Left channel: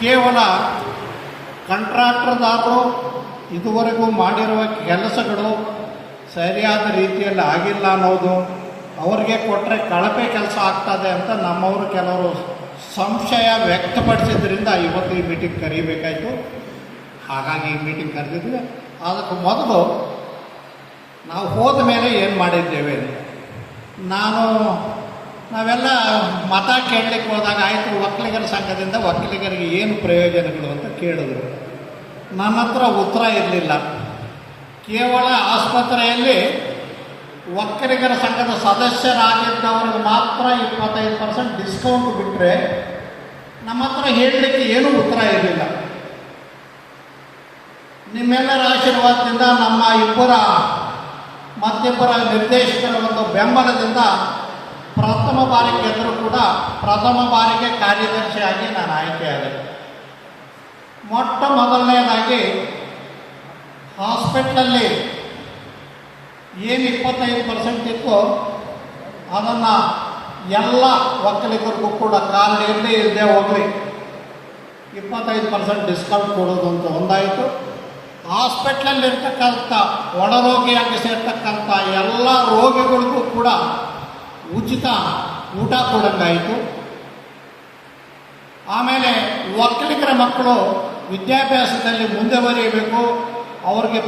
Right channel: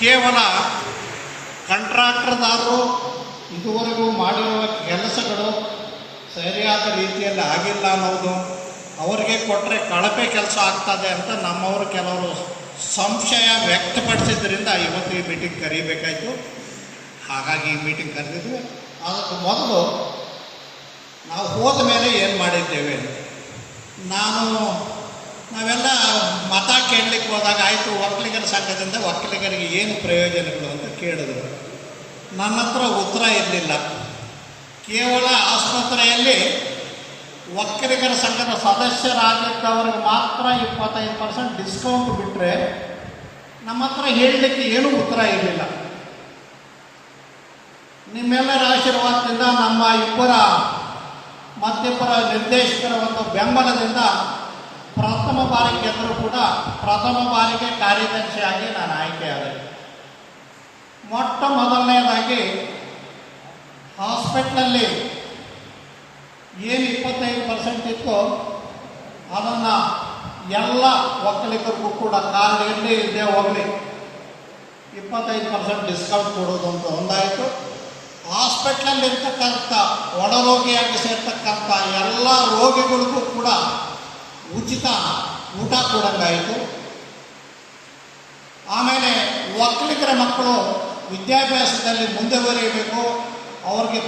ಕೇವಲ ಕಾಂಟ್ರಾಕ್ಟರ್ದಾರರು ಇದುವರೆಗೂ ಮಾಡಿರುವ ಕೆಲಸಗಳು ಸರಿಯಾದ ರೀತಿಯಲ್ಲಿ ಆಗಿಲ್ಲ ಅನ್ನೋದು, ಅವರಿಗೆ ಕೊಟ್ಟರೆ ಕಳಪೆ ಕೆಲಸ ಆಗ್ತದೆ ಅಂತ ನಮ್ಮವರು ಕೆಲವರು ಸಂಶಯ ವ್ಯಕ್ತಪಡಿಸಿದ್ರಿಂದ ಇವತ್ತು ಈ ಮೀಟಿಂಗ್ ಕರೀಬೇಕಾಯಿತು. ಹಾಗಾಗಿ ಈ ಮೀಟಿಂಗ್ ಕರೆದಿದ್ವಿ. ಅದಕ್ಕೆ ಮೊದಲು ನಾವು ಹೋದ ಮೇಲೆ ಏನು ಮಾಡಿದ್ದೇವೆ, ನಾವೆಲ್ಲ ಮತ ಕೇಳಲಿಕ್ಕೆ ಹೋದಾಗ ಆಯಿತು ಒಕ್ಕಲಿಗರ ಸಂಘದಿಂದ ಒಕ್ಕಲಿಗರಿಗೆ ಏನು ಪ್ರಯೋಜನಗಳು ಅಂತ ಕೇಳಿದ್ರು. ನನ್ನ ಹತ್ರ ಉತ್ತರ ಇರಲಿಲ್ಲ. ಕೇವಲ ಆಸ್ಪತ್ರೆಯಲ್ಲಿ ಒಕ್ಕಲಿಗರ ಸಂಘದ ಸದಸ್ಯರಾಗಿದ್ದವ್ರಿಗೆ ಮಾತ್ರ 25% ಡಿಸ್ಕೌಂಟ್ ಬಿಟ್ಟರೆ ನಮ್ಮ ಹತ್ರ ಹೇಳಲಿಕ್ಕೆ ಏನೂ ಉತ್ತರ ಇರಲಿಲ್ಲ. ನಿಮ್ಮೆಲ್ಲರ ಆಶೀರ್ವಾದದಿಂದ ನಮ್ಮ ಮತ್ತಿಬ್ಬರ ನಿರ್ದೇಶಕರ ಒಂದು ಬೆಂಬಲದಿಂದ ಪ್ರಥಮ ಬಾರಿಗೆ ಗೆದ್ದರೂ ಕೂಡ ಪ್ರಥಮ ಬಾರಿಗೆ ಕಾರ್ಯದರ್ಶಿಯಾಗಿ ನಾನು ಆಯ್ಕೆಯಾದೆ. ಮೊಟ್ಟ ಮೊದಲನೇದಾಗಿ ಹಾಸ್ಪಿಟ್ಲಲ್ಲಿ ಏನು 25% ಇತ್ತು ಅದನ್ನು ಎಲ್ಲ ಒಕ್ಕಲಿಗರಿಗೂ ಕೂಡ ಕಾರ್ಡ್ ಇರಲಿ ಇಲ್ಲದೆ ಹೋಗಲಿ 25% ಡಿಸ್ಕೌಂಟ್ ಕೊಡೋದು ಅಂತ ಒಂದಾಯಿತು. ಹಾಸ್ಪಿಟ್ಲಲ್ಲಿರ್ತಕ್ಕಂಥ ಒಳರೋಗಿಯಾಗಿ ಸೇರ್ತಕ್ಕಂಥ ಎಲ್ಲ ರೋಗಿಗಳಿಗೂ ಕೂಡ ಉಚಿತ ಊಟ ಕೊಡೋಂಗಾಯಿತು. ಆಮೇಲೆ ಒಕ್ಕಲಿಗರ ಮಕ್ಕಳು ವಿದ್ಯಾಭ್ಯಾಸದಲ್ಲಿ ಮುಂದುವರಿಯಬೇಕು, ಅವ್ರಿಗೆ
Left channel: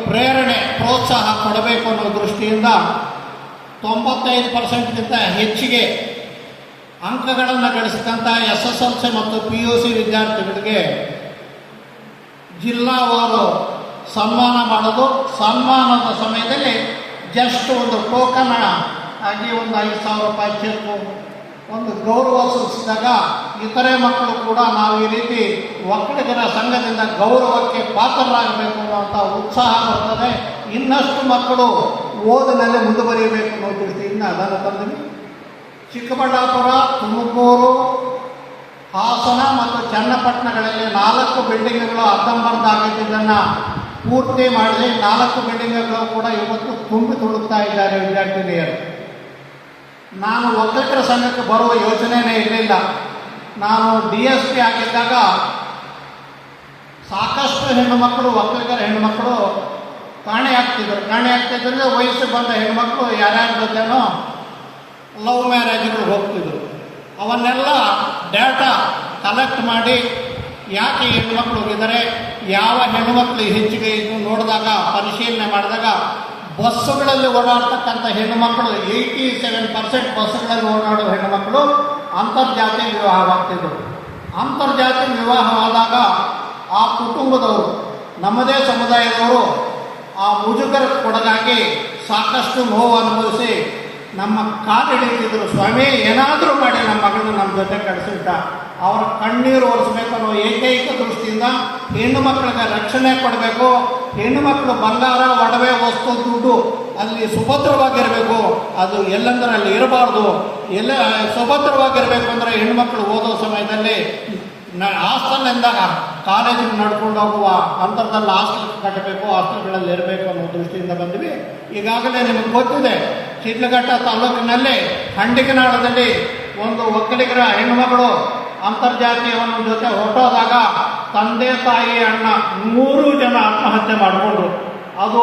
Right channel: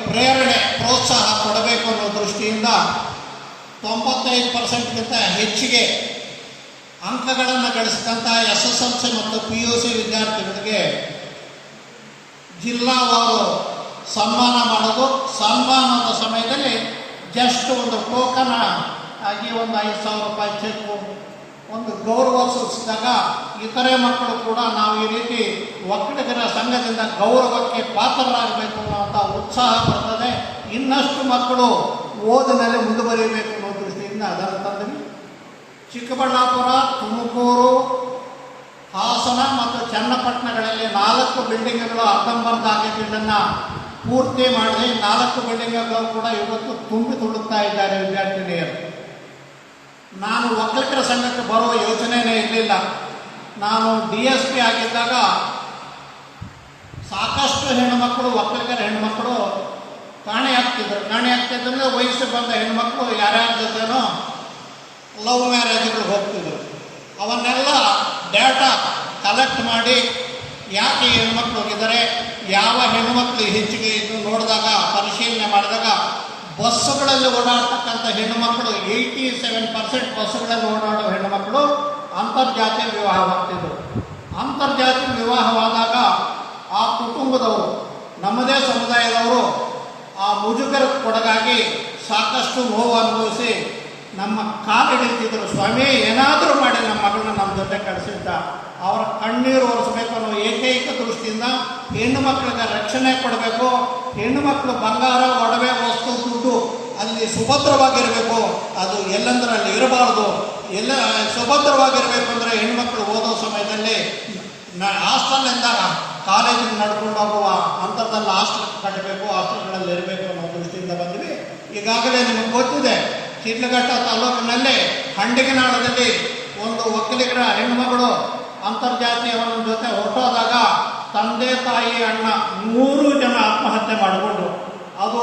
ಪ್ರೋತ್ಸಾಹ ಕೊಡಬೇಕು ಅನ್ನೋ ದೃಷ್ಟಿಯಿಂದ 95%ಗಿಂತ ಹೆಚ್ಚಿಗೆ ಅಂಕಗಳನ್ನು ಗಳಿಸಿದಂಥ SSLC ಮತ್ತು PUC ವಿದ್ಯಾರ್ಥಿಗಳಿಗೆ ಜಿಲ್ಲಾವಾರು ಸನ್ಮಾನ ಮಾಡೋದು. ಸನ್ಮಾನದ ಸಮಯದಲ್ಲಿ ಜಸ್ಟ್ ಒಂದು ಟೋಕನ್ ಆಗಿ ಒಂದು 5,000 ರೂಪಾಯಿ ಚೆಕ್ಕು ಒಂದು ಗೌರವ ಸೂಚಿಸಿದಾಗ ಇತರೆ ಮಕ್ಕಳು ಕೂಡ ನಾವು ಈ ರೀತಿ ಒಕ್ಕಲಿಗರ ಸಂಘದಿಂದ ಗೌರವಕ್ಕೆ ಪಾತ್ರರಾಗಬೇಕು ಅನ್ನುವಂಥ ಉತ್ಸಾಹ ಬರ್ತದೆ. ಇನ್ನಷ್ಟು ಮಕ್ಕಳು ಓದಿನಲ್ಲಿ ಮುಂದುವರಿಯಬೇಕು ಅನ್ನೋ ದೃಷ್ಟಿಯಿಂದ ಅದನ್ನು ತಂದಿವಿ. ಚಿಕ್ಕಬಳ್ಳಾಪುರ, ತುಮಕೂರು, ಹಾಸನ ಮತ್ತು ಚನ್ನಪಟ್ಟಣಗಳಲ್ಲಿ 4 ಬಿಲ್ಡಿಂಗ್ಗಳು ಅರ್ಧಂಬರ್ಧ ಆಗಿದ್ದನ್ನು ಪೂರ್ತಿ ಮಾಡಿದೆ. 4 ಬಿಲ್ಡಿಂಗ್ಗಳು ಕೂಡ ಇವತ್ತು ತುಂಬಿ ತುಳುಕ್ತಾ ಇದ್ದಾರೆ ವಿದ್ಯಾರ್ಥಿನಿಯರು. ನಾನು ಒಕ್ಕಲಿಗರ ಸಂಘಕ್ಕೆ ಬರುವ ಯೋಚನೆಯೇ ಇರಲಿಲ್ಲ. ನಾನು DSP ಆಗಿದ್ದಾಗ ಸಾಕಷ್ಟು ಹೆಣ್ಣುಮಕ್ಕಳು ಒಕ್ಕಲಿಗರ ಹೆಣ್ಣುಮಕ್ಕಳು ಕಾಣೆಯಾಗ್ತಿದ್ರು. ವಯಸ್ಸಿಗೆ ಬಂದ ಹೆಣ್ಣುಮಕ್ಕಳು ಯಾರ್ಯಾರ ಜೊತೆನೋ ಲವ್ ಮ್ಯಾರೇಜ್ಗಳು ಹೋಗ್ತಿದ್ರು. ಅವನ್ನೆಲ್ಲ ಡೇಟಾ ಕಲೆಕ್ಟ್ ಮಾಡಿ ಯಾಕೆ ಹೆಣ್ಮಕ್ಳು ಹೋಗಿದ್ದಾರೆ, ಯಾವ ಹೆಣ್ಣುಮಕ್ಳು ಹೆಚ್ಚಿಗೆ ಇದು ನೋಡಿದಾಗ ಪರಿಶೀಲನೆ ಮಾಡಿದಾಗ ಬಸ್ಸುಗಳಲ್ಲಿ ಓಡಾಡ್ತಕ್ಕಂಥ ಹೆಣ್ಣುಮಕ್ಕಳು 87% ಬಸ್ಸುಗಳಲ್ಲಿ ಓಡಾಡೋ ಹೆಣ್ಣುಮಕ್ಕಳು ಅಂತರ್ಜಾತಿ ವಿವಾಹವಾಗ್ತಿದ್ರು. ಅಂತರ್ಜಾತಿ ವಿವಾಹವಾದಾಗ ಆ ಕುಟುಂಬದವರು, ನಮ್ಮದೇ ಸಮುದಾಯದವರು ಆ ಮುಜುಗರ ಕೊಡಗಾಗಿ ಸಾಕಷ್ಟು ನೋವು ಅನುಭವಿಸಿ ನಮ್ಮ ಕಾಲಿಡಿತಿದ್ರು. ಸ್ವಾಮಿ ಏನಾದರೂ ಮಾಡಿ ನಮ್ಮ ಮಗಳನ್ನು ನಮ್ಮ ಜೊತೆ ಕಳಿಸಿದ್ದ, ಅವರ ಕಣ್ಣೀರು ಒರೆಸಬೇಕು ಅನ್ನೋ ಏಕೈಕ ದೃಷ್ಟಿಯಿಂದ ಹೆಣ್ಣು ಮಕ್ಕಳಿಗೆ ರಕ್ಷಣೆ ಕೊಡಬೇಕು. ಹೆಣ್ಣು ಮಕ್ಕಳು ಬಂಗಾರ, ಒಡವೆ, ವಸ್ತು, ದುಡ್ಡು ಅಲ್ಲಿ ಸುಭದ್ರವಾಗಿರಬೇಕು. ಅದು ಎಲ್ಲಂದ್ರೆ ಅಲ್ಲಿ ಇರಬಾರ್ದು. ಎಲ್ಲ ಸುಭದ್ರವಾಗಿರಬೇಕು ಅಂದರೆ ಹೆಣ್ಣುಮಕ್ಕಳು ಓದೋ ಸಮಯದಲ್ಲಿ ಹಾಸ್ಟೆಲ್ನಿಂದ ಕಾಲೇಜಿಗೆ ನಡ್ಕೊಂಡು ಹೋಗುವ ಅಂತರದಲ್ಲಿ ಹಾಸ್ಟೆಲ್ ಕಟ್ಟಬೇಕು, ಹಾಸ್ಟೆಲ್ಗಳಲ್ಲಿ ಇರಬೇಕು ಅನ್ನೋ ದೃಷ್ಟಿಯಿಂದ ಬಂದ್ವಿ. ಈಗಾಗಲೇ ನಿಮಗೆ ಗೊತ್ತಿದೆ, ಶಿಡ್ಲಘಟ್ಟ ತಾಲೂಕಿನಲ್ಲಿ ಹಂಡಿಗನಾಳದಲ್ಲಿ ಒಂದು ಒಕ್ಕಲಿಗರ ಹೆಣ್ಣುಮಗಳು ಅಂತರ್ಜಾತೀಯವನ ಜೊತೆ ಹೊರಟೋದಾಗ ತಂದೆ, ತಾಯಿ, ಅಣ್ಣ 3 ಜನ ಆತ್ಮಹತ್ಯೆ ಮಾಡಿಕೊಂಡ್ರು. ಅದು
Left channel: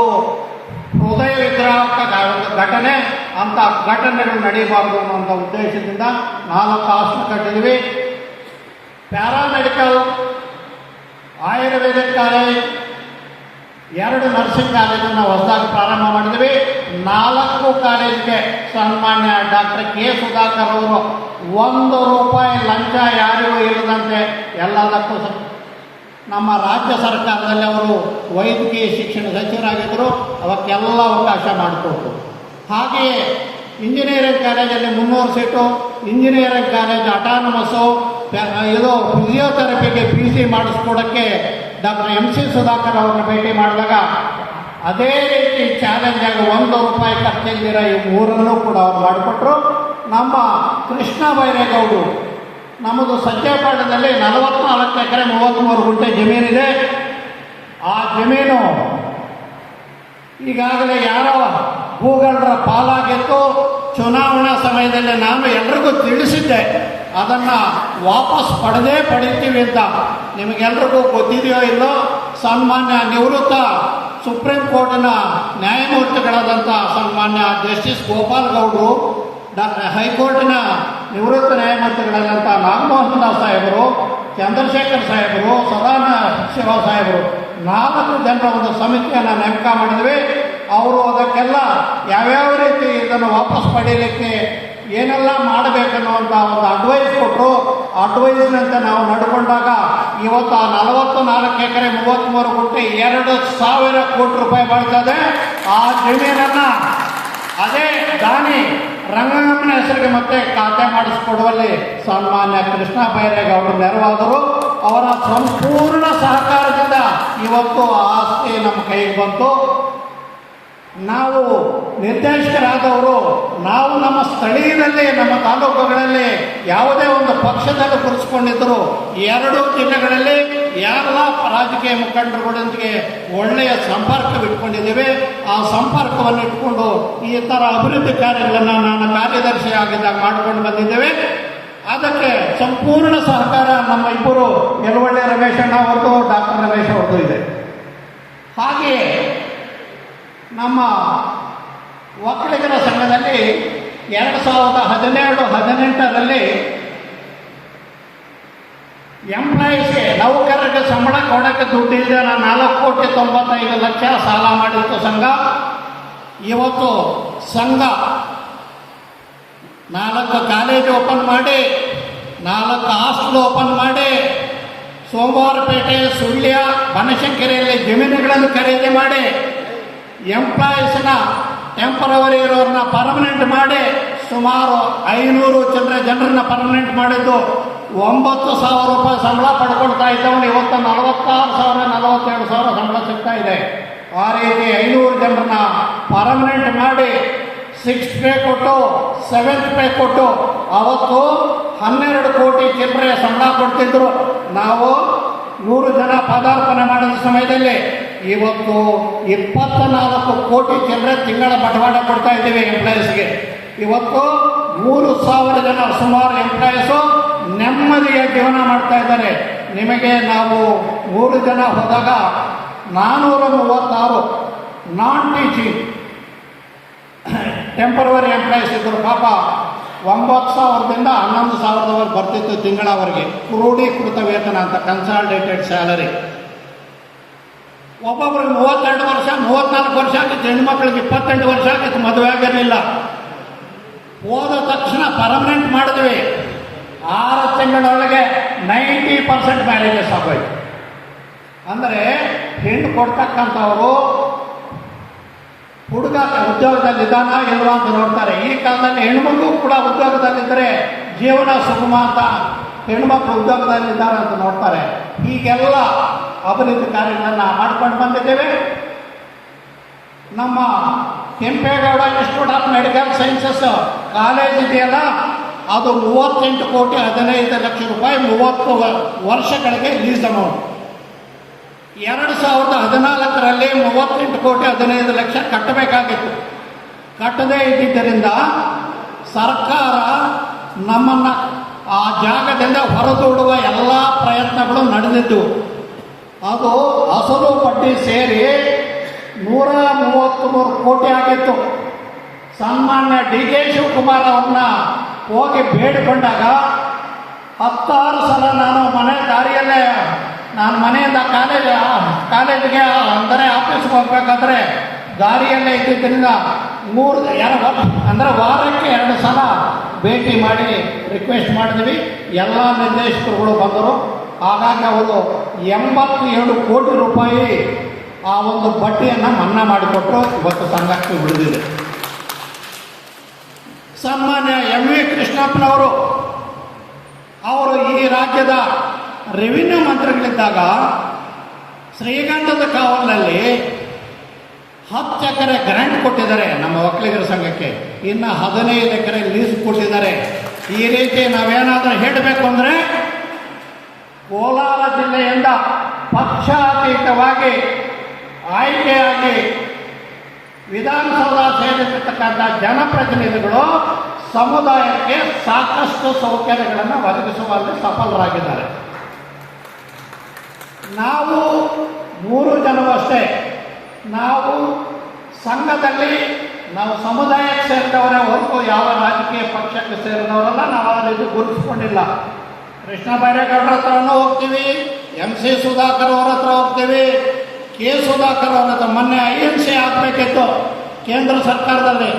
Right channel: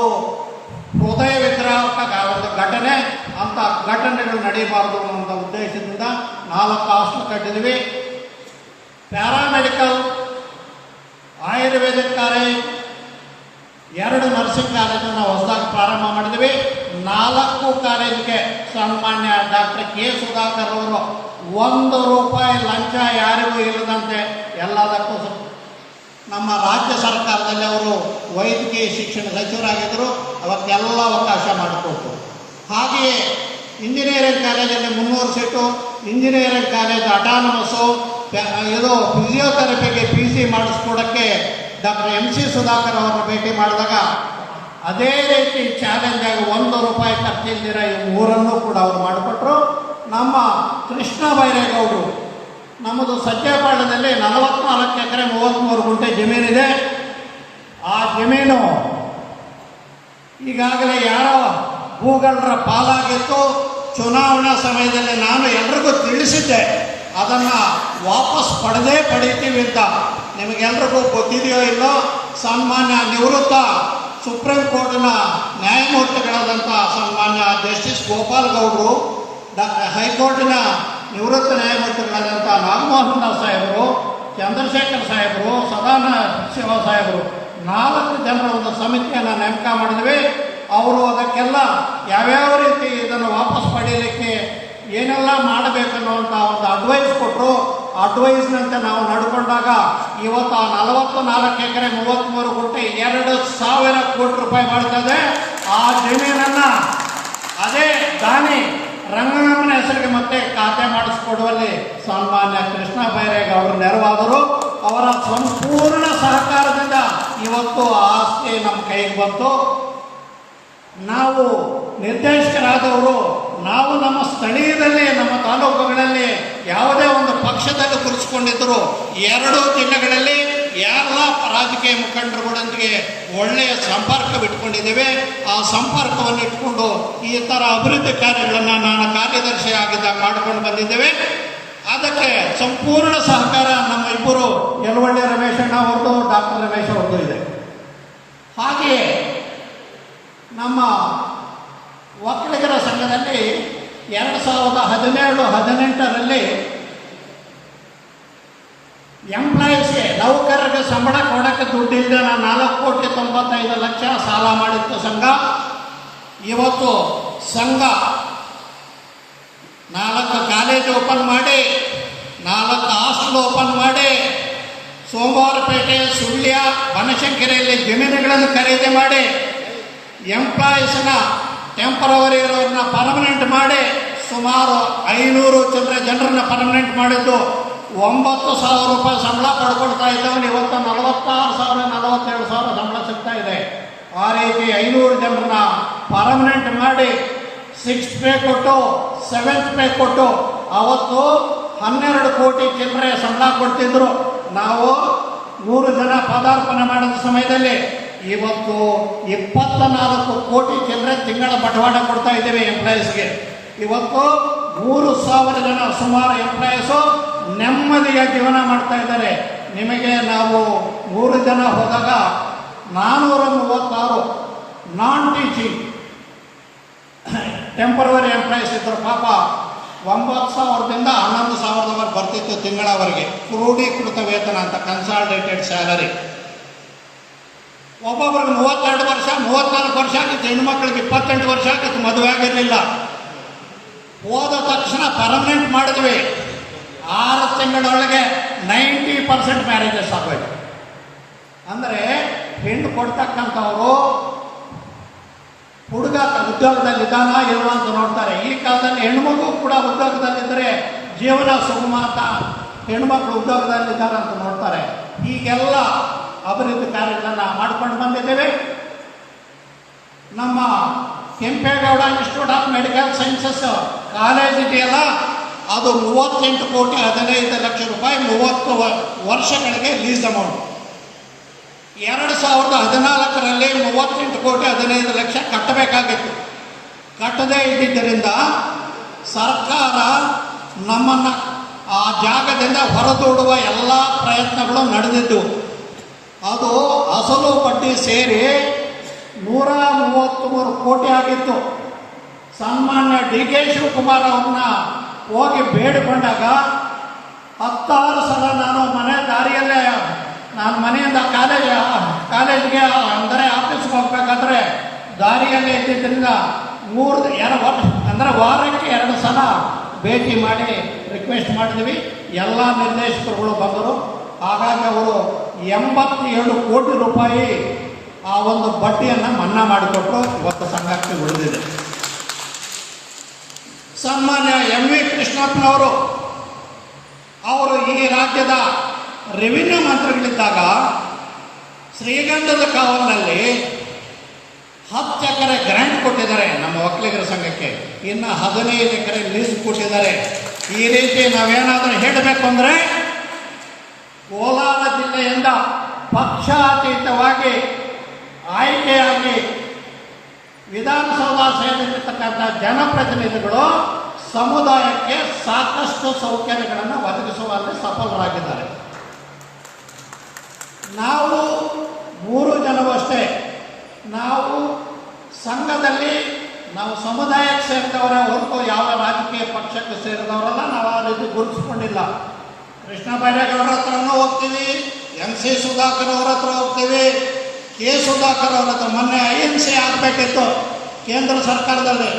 ಹೃದಯ ವಿಗ್ರಹಕ ಘಟನೆ. ಅಂಥ ಘಟನೆಗಳು ನಡೀಬಾರ್ದು ಅನ್ನೋಂಥ ಉದ್ದೇಶದಿಂದ 4 ಹಾಸ್ಟೆಲ್ ಕಟ್ಟಿದ್ವಿ. ಪ್ಯಾರಾಮೆಡಿಕಲ್, ಆಯುರ್ವೇದಿಕ್ ಕಾಲೇಜ್, 2 ನರ್ಸಿಂಗ್ ಕಾಲೇಜನ್ನು ಹೊಸದಾಗಿ ಪ್ರಾರಂಭ ಮಾಡಿದ್ವಿ. 4 ಕಾಲೇಜಿಗೆ ಸನ್ಮಾನ್ಯ ಡಾಕ್ಟರ್ K. ಸುಧಾಕರ್ ಅವರು 1 ರೂಪಾಯಿ ಲಂಚ ಯಾರಿಗೂ ಇಲ್ಲದಂತೆ ಎಲ್ಲದಕ್ಕೂ ನಮ್ಮ ರಾಜ್ಯ ಸರ್ಕಾರದಲ್ಲಿ ಅವರು ವೈದ್ಯಕೀಯ ಶಿಕ್ಷಣ ಸಚಿವರಾಗಿದ್ದರು. ಅವಕ್ಕೆಲ್ಲ ಅವಕಾಶ ಮಾಡಿಕೊಟ್ರು. ಹಾಗೆಯೇ ಇಂಜಿನಿಯರಿಂಗ್ ಕಾಲೇಜಲ್ಲಿ 300 ಸೀಟು, ಇಂಜಿನಿಯರಿಂಗ್ ಕಾಲೇಜ್ ಅಟಾನಮಸ್ಸು, ಇದು ಫಿಸಿಯೋಥೆರಪಿಗೆ PC ಮಾಡಿಸ್ಕೊಡೋಕ್ಕೆ ಡಾಕ್ಟರ್ MC ಸುಧಾಕರ್ ಅವರ ಭೇಟಿ ಮಾಡಿದಾಗ ಅದೇ ರೀತಿ ಚಾಲೆಂಜ್ ಆಗಿ 1 ರೂಪಾಯಿ ಖರ್ಚಿಲ್ದಿರ ಈ 3 ಕೂಡ ಅವ್ರು ಮಾಡಿಕೊಟ್ರು. ನಮ್ಮ ಕೃಷ್ಣ ಬೈರೇಗೌಡರು, ನಮ್ಮದು ಸಜ್ಜೆಪಾಳ್ಯದಲ್ಲಿ 44 ಎಕರೆ 33 ಗುಂಟೆ ಜಮೀನಿದೆ. ಆ ಜಮೀನು ಈಗಾಗಲೇ ಯಾರೋ ಭೂಗಳ್ಳರ ಪಾಲಾಗಿತ್ತು. ಚುನಾವಣಾ ಸಮಯದಲ್ಲಿ ನಾನು ಎಲ್ರಿಗೂ ತಿಳಿಸಿದ್ದೆ, ಅದನ್ನು ವಾಪಸ್ ಪಡಿತೀವಿ ಅಂತ ನಿಮಗೆಲ್ರಿಗೂ ಗೊತ್ತಿದೆಯೋ ಇಲ್ಲೋ. ಸನ್ಮಾನ್ಯ ನಿವೃತ್ತ ಸುಪ್ರೀಂ ಕೋರ್ಟಿನ ನ್ಯಾಯಮೂರ್ತಿಗಳಾದಂಥ ಸನ್ಮಾನ್ಯ ಜಸ್ಟಿಸ್ ಗೋಪಾಲ್ ಗೌಡರು, ಹೈಕೋರ್ಟಿನ ನಿವೃತ್ತ ನ್ಯಾಯಮೂರ್ತಿಗಳಾದಂಥ ನಾಗಮೋಹನ್ ದಾಸ್ ಸಾಹೇಬರು, ಚಂದ್ರಶೇಖರ್ ಸಾಹೇಬರು, ಸದಾನಂದ ಶಿವ ಸಾಹೇಬರು 4 ಜನರ ಒಂದು ಸಮಿತಿಯನ್ನು ನೇಮಕ ಮಾಡಿದ್ವಿ. ಅವರು ಅದಕ್ಕೆಲ್ಲ ಯಾವ್ಯಾವ ರೀತಿ ಇದನ್ನು ವಾಪಸ್ ಪಡೆಯಲಿಕ್ಕೆ ಏನೆಲ್ಲ ಮಾಡಬೇಕನ್ನುವಂಥ ಒಂದು ಅಡ್ವೈಸ್ ಕೊಟ್ಟರು. ಅಡ್ವೈಸ್ನಂತೆ ನಾವು ನಡ್ಕೊಂಡಾಗ ಇವತ್ತು 44 ಎಕರೆ 33 ಗುಂಟೆ 2,000 ಕೋಟಿ ರೂಪಾಯಿ ಬರ್ತದೆ. ಆ ಜಮೀನನ್ನು ಅದೇ ದಾನಿ ರಂಗಣ್ಣನ ಹೆಸರಿಗೆ ಮತ್ತೆ ಖಾತೆ ಮಾಡಿಸ್ಕೊಡುವಲ್ಲಿ ಸನ್ಮಾನ್ಯ ಕೃಷ್ಣ ಬೈರೇಗೌಡರು ನೆರವಾದರು. ಅವರ ಸಂಪೂರ್ಣ ಸಹಕಾರದಿಂದ ಇವತ್ತು ಆ ಆಸ್ತಿ ನಮ್ಮ ಕೈಗೆ ಬಂತು. ನಾವು ನಿರ್ದೇಶಕರಾದವರು ನಾವು ನಮ್ಮ ಸ್ಥಳೀಯದಲ್ಲಿ ನಮ್ಮ ತಾಲೂಕುಗಳಲ್ಲಿ ಯಾವುದೇ ಒಂದು ಪಕ್ಷದಲ್ಲಿ ಕುರಿಸ್ಕೊಂಡಿದ್ದರು 2 ಜಿಲ್ಲೆಗಳಲ್ಲಿ ಯಾರೆಲ್ಲ ರಾಜಕೀಯ ಮುಖಂಡರುಗಳೊಂದಿಗೆ ಒಳ್ಳೆಯ ಸಂಪರ್ಕ ಇಟ್ಕೊಂಡಿದ್ದೇವೆ. ಆ ಸಂಪರ್ಕವನ್ನು ಇಟ್ಕೊಂಡು ಈ ಥರ ಅಭಿವೃದ್ಧಿ ಕಾರ್ಯಗಳನ್ನು ನಾನು ಕಾರ್ಯದರ್ಶಿ ಆಗಿದ್ದಾಗ ಮಾಡ್ಕೊಂಡು ಬಂದಿದ್ದೇವೆ. ಅದಕ್ಕೆ ಸಂಪೂರ್ಣ ಸಹಕಾರ ನಮ್ಮ ಇಬ್ಬರು ಯಲವಳ್ಳಿ ರಮೇಶಣ್ಣ ಅವ್ರದ್ದು, ಡಾಕ್ಟರ್ ರಮೇಶ್ ಅವ್ರದ್ದು ಇದೆ. ಹಾಗೆಯೇ ನಮ್ಮ ಒಕ್ಕಲಿಗರ ಸಂಘದಲ್ಲಿ 2017-18ರಲ್ಲಿ ಎಂಪ್ಲಾಯೀಸ್ಗೆ ನೌಕರರಿಗೆ ಸಂಬಳ ಕೊಡೋಕ್ಕೆ ದುಡ್ಡಿಲ್ಲದೆ 4,95,00,000 ಸಾಲ ಮಾಡಿತ್ತು ಸಂಘ. ಇವತ್ತು ಸಂಘ 4 ಕಾಲೇಜ್ ಓಪನ್ ಮಾಡಿ, 4 ಹಾಸ್ಟೆಲ್ ಓಪನ್ ಮಾಡಿ, ಸೋಮವಾರಪೇಟೆ, ಸುಳ್ಯ, ಬನಶಂಕರಿಯಲ್ಲಿ ಜಮೀನುಗಳನ್ನು ಖರೀದಿ ಮಾಡಿ, ಎಂಪ್ಲಾಯೀಸ್ನ ಟೆಂಪರವರಿ ಇರೋರನ್ನ ಪರ್ಮನೆಂಟ್ ಮಾಡಿ, ಸುಮಾರು 500 ಜನರನ್ನ ಪರ್ಮನೆಂಟ್ ಮಾಡಿದ್ದು 9,000 ರೂಪಾಯಿ ಸಂಬಳ ಪಡ್ಕೊಳ್ತಾ ಇದ್ದವನು ಇವತ್ತು 46,000 47,000 ಸಂಬಳ ಸಿಗ್ತಾ ಇದೆ. ಆ ರೀತಿ 500 ಜನರನ್ನ ಪರ್ಮನೆಂಟ್ ಮಾಡಿ 6th ಪೇ ಕೊಟ್ಟು 7th ಪೇ ಕೊಟ್ಟು ಅವತ್ತು 12 ಕೋಟಿ ಚಿಲ್ಲರೆ ಸಂಬಳ ಕೊಡ್ತಿದ್ರು. ನಾವು 100 ಜನ ಪದಾರ್ಪಣೆ ಮಾಡಿದ ಸಮಯದಲ್ಲಿ ಇವತ್ತು 24 ಕೋಟಿ ಚಿಲ್ಲರೆ ತಿಂಗಳ ಬಂಡವಾಳ ಕೊಡ್ತಾ ಇದ್ದೀವಿ ಎಂಪ್ಲಾಯೀಸ್ಗೆ. ಇವತ್ತು 3,000 ಜನ ಸುಮಾರು ಎಂಪ್ಲಾಯೀಸು ನೆಮ್ಮದಿಯ ಜೀವನ ಮಾಡ್ತಾ ಇದ್ದಾರೆ. ನಿಮಗೆ ನಾವು 3 ಜನ ಹೋದಾಗ 436 ನಾನ್ ಟೀಚಿಂಗ್ ಟೆಂಪರವರಿ ಎಂಪ್ಲಾಯೀಸ್ ಇದ್ದರು. ಪಾಪ 9,000ದಿಂದ 11,000 ಬರ್ತಿತ್ತು ತಿಂಗಳವರೆಗೆ. ಕ್ರೋಢೀಕೃತ ವೇತನ ಅಂತ, ಕನ್ಸಾಲಿಡೇಟೆಡ್ ಸ್ಯಾಲರಿ. ಒಬ್ಬೊಬ್ರಿಗೆ 32 ವರ್ಷ 34 ವರ್ಷ ಆಗಿತ್ತು, ಹೆಣ್ಮಕ್ಳಿಗೆ 28 ವರ್ಷ ಆಗಿತ್ತು, ಮದುವೆ ಆಗಿರಲಿಲ್ಲ. ಹೋದ ತಕ್ಷಣ ಪರ್ಮನೆಂಟ್ ಮಾಡಿದ್ವಿ. 6 ತಿಂಗಳೊಳಗೆ 90% ಮ್ಯಾರೇಜಸ್ ಆಗೋಯ್ತು. ಅಂದರೆ ಹೆಣ್ಣು ಕೊಡ್ತಕ್ಕಂಥವರು ಹುಡುಗ ಉದ್ಯೋಗದಲ್ಲಿದ್ದಾನ ಇಲ್ವಾ ಅಂತ ನೋಡ್ತಾರೆ. ಈ ಕಾಲದಲ್ಲಿ ಹೆಣ್ಮಗು ಕೂಡ ಉದ್ಯೋಗದಲ್ಲಿದ್ದರೆ ಜೀವನ ಸುಗಮ ಅಂತ ಹೆಣ್ಮಕ್ಳು ಉದ್ಯೋಗದಲ್ಲಿದ್ದಾರೆ ಅಂತ ನೋಡ್ತಾರೆ. ಹೀಗೆಲ್ಲ ಅಭಿವೃದ್ಧಿ ಕಾರ್ಯಗಳನ್ನು ಮಾಡ್ಕೊಂಡು ಬಂದಿದ್ದೇವೆ. ನಮ್ಮ Kempegowda institute of medical sciences college ಇದೆಯಲ್ಲ, ಅದು 38 ಕೋಟಿ 15 ಲಕ್ಷ ರೂಪಾಯಿ 30 ವರ್ಷಗಳಿಗೆ ಲೀಸ್ ಅಮೌಂಟ್. 2014ರಲ್ಲಿ 38 ಕೋಟಿ 15 ಲಕ್ಷ ಕಟ್ಟಬೇಕಾಗಿತ್ತು. ಕಟ್ಟದೇ ಇದ್ದಿದ್ದರಿಂದ ಸರ್ಕಾರ ನಮ್ಮನ್ನು ಆ ಜಾಗದಿಂದ ಹೊರದೂಡುವ ಎಲ್ಲ ಪ್ರಯತ್ನಗಳು ನಡೆದಿದ್ದು. ಅದು ಅಸಲು ಬಡ್ಡಿ ಸೇರಿ 133 ಕೋಟಿ ಆಗಿತ್ತು. ಸನ್ಮಾನ್ಯ ಡಿ.ಕೆ. ಶಿವಕುಮಾರ್ ಅವ್ರನ್ನ ಹೋಗಿ ಬೇಡಿಕೊಂಡಾಗ 16 ಸಲ ನಾನು ಮನೆಯಿಂದ ಕಾಲೇಜಿಗೆ ಅಂದರೆ ಆಫೀಸ್ಗೆ ಹೋಗ್ಬೇಕಾದ್ರೆ ದಾರಿಯಲ್ಲೇ ಇದ್ದಿದ್ದರಿಂದ ಅಂದರೆ ವಾರಕ್ಕೆ 2 ಸಲ ಭೇಟಿ ಮಾಡಿ ರಿಕ್ವೆಸ್ಟ್ ಮಾಡಿದ್ವಿ. ಎಲ್ಲ ನಿರ್ದೇಶಕರುಗಳು ಬಂದರು. ಹಾಗಾಗಿ ಅವರು 87 ಕೋಟಿ ರೂಪಾಯಿ ಆ ಒಂದು ಬಡ್ಡಿಯನ್ನು ಮನ್ನಾ ಮಾಡಿಕೊಟ್ಟು ಇವತ್ತು ಸಂಘಕ್ಕೆ ಉಳಿದಿದೆ. ಸನ್ಮಾನ್ಯ ಎಂ.ವಿ. ಕೃಷ್ಣಪ್ಪನವರು ಈ ರಾಜ್ಯದ ರೆವಿನ್ಯೂ ಮಂತ್ರಿಗಳಿದ್ದಾಗ ಶ್ರೀಗಂಧದ ಕಾವಲಿನಲ್ಲಿ 10 ಎಕರೆ ಗ್ರಾಂಟ್ ಕೊಟ್ಟಿದ್ದಾರೆ ನಮ್ಮ ಒಕ್ಕಲಿಗರ ಸಂಘಕ್ಕೆ. ಇನ್ನು 15 ಎಕರೆ ಲೀಸ್ ಕೊಟ್ಟಿದ್ದಾರೆ. ಈ ರೀತಿ ನಾವೇನಾದರೂ ಹೇಳಬೇಕು ಅಂದರೆ ಕೋಲಾರ ಜಿಲ್ಲೆಯಿಂದ ಪಕ್ಷಾತೀತವಾಗಿ ಆಯ್ಕೆಯಾಗಿ ವಿಧಾನಸೌಧ ಸೇರಿರ್ತಕ್ಕಂಥ ಜನಪ್ರತಿನಿಧಿಗಳು ಸಮುದಾಯಕ್ಕೆ ಸಾಕಷ್ಟು ಸೌಕರ್ಯಗಳನ್ನು ಒದಗಿಸುವಲ್ಲಿ ಸಫಲರಾಗಿದ್ದಾರೆ. ನಾವು 3 ಜನರು ಅಷ್ಟೇ. ನಾವು ಸಂಘದಲ್ಲಿ ನಾವು ಸಮುದಾಯಕ್ಕೆ ಸೇರಿದವರೇ ಹೊರತು ಯಾವ ರಾಜಕೀಯ ಪಕ್ಷಕ್ಕೆ ಸೇರಿದವರಲ್ಲ. ನಾವು ಆ ರೀತಿ ಗುರುತಿಸ್ಕೊಂಡಿಲ್ಲ. ಕೃಷ್ಣ ಬೈರೇಗೌಡರ ಹತ್ರನೂ ಹೋಗ್ತೀವಿ, MC ಸುಧಾಕರ್ ಅವರ ಹತ್ರ ಹೋಗ್ತೀವಿ, K ಸುಧಾಕರ್ ಅವರ ಹತ್ರ. ಮೊನ್ನೆ INC ಆಗಬೇಕಿತ್ತು ಕೇಂದ್ರ ಸರ್ಕಾರದಲ್ಲಿ.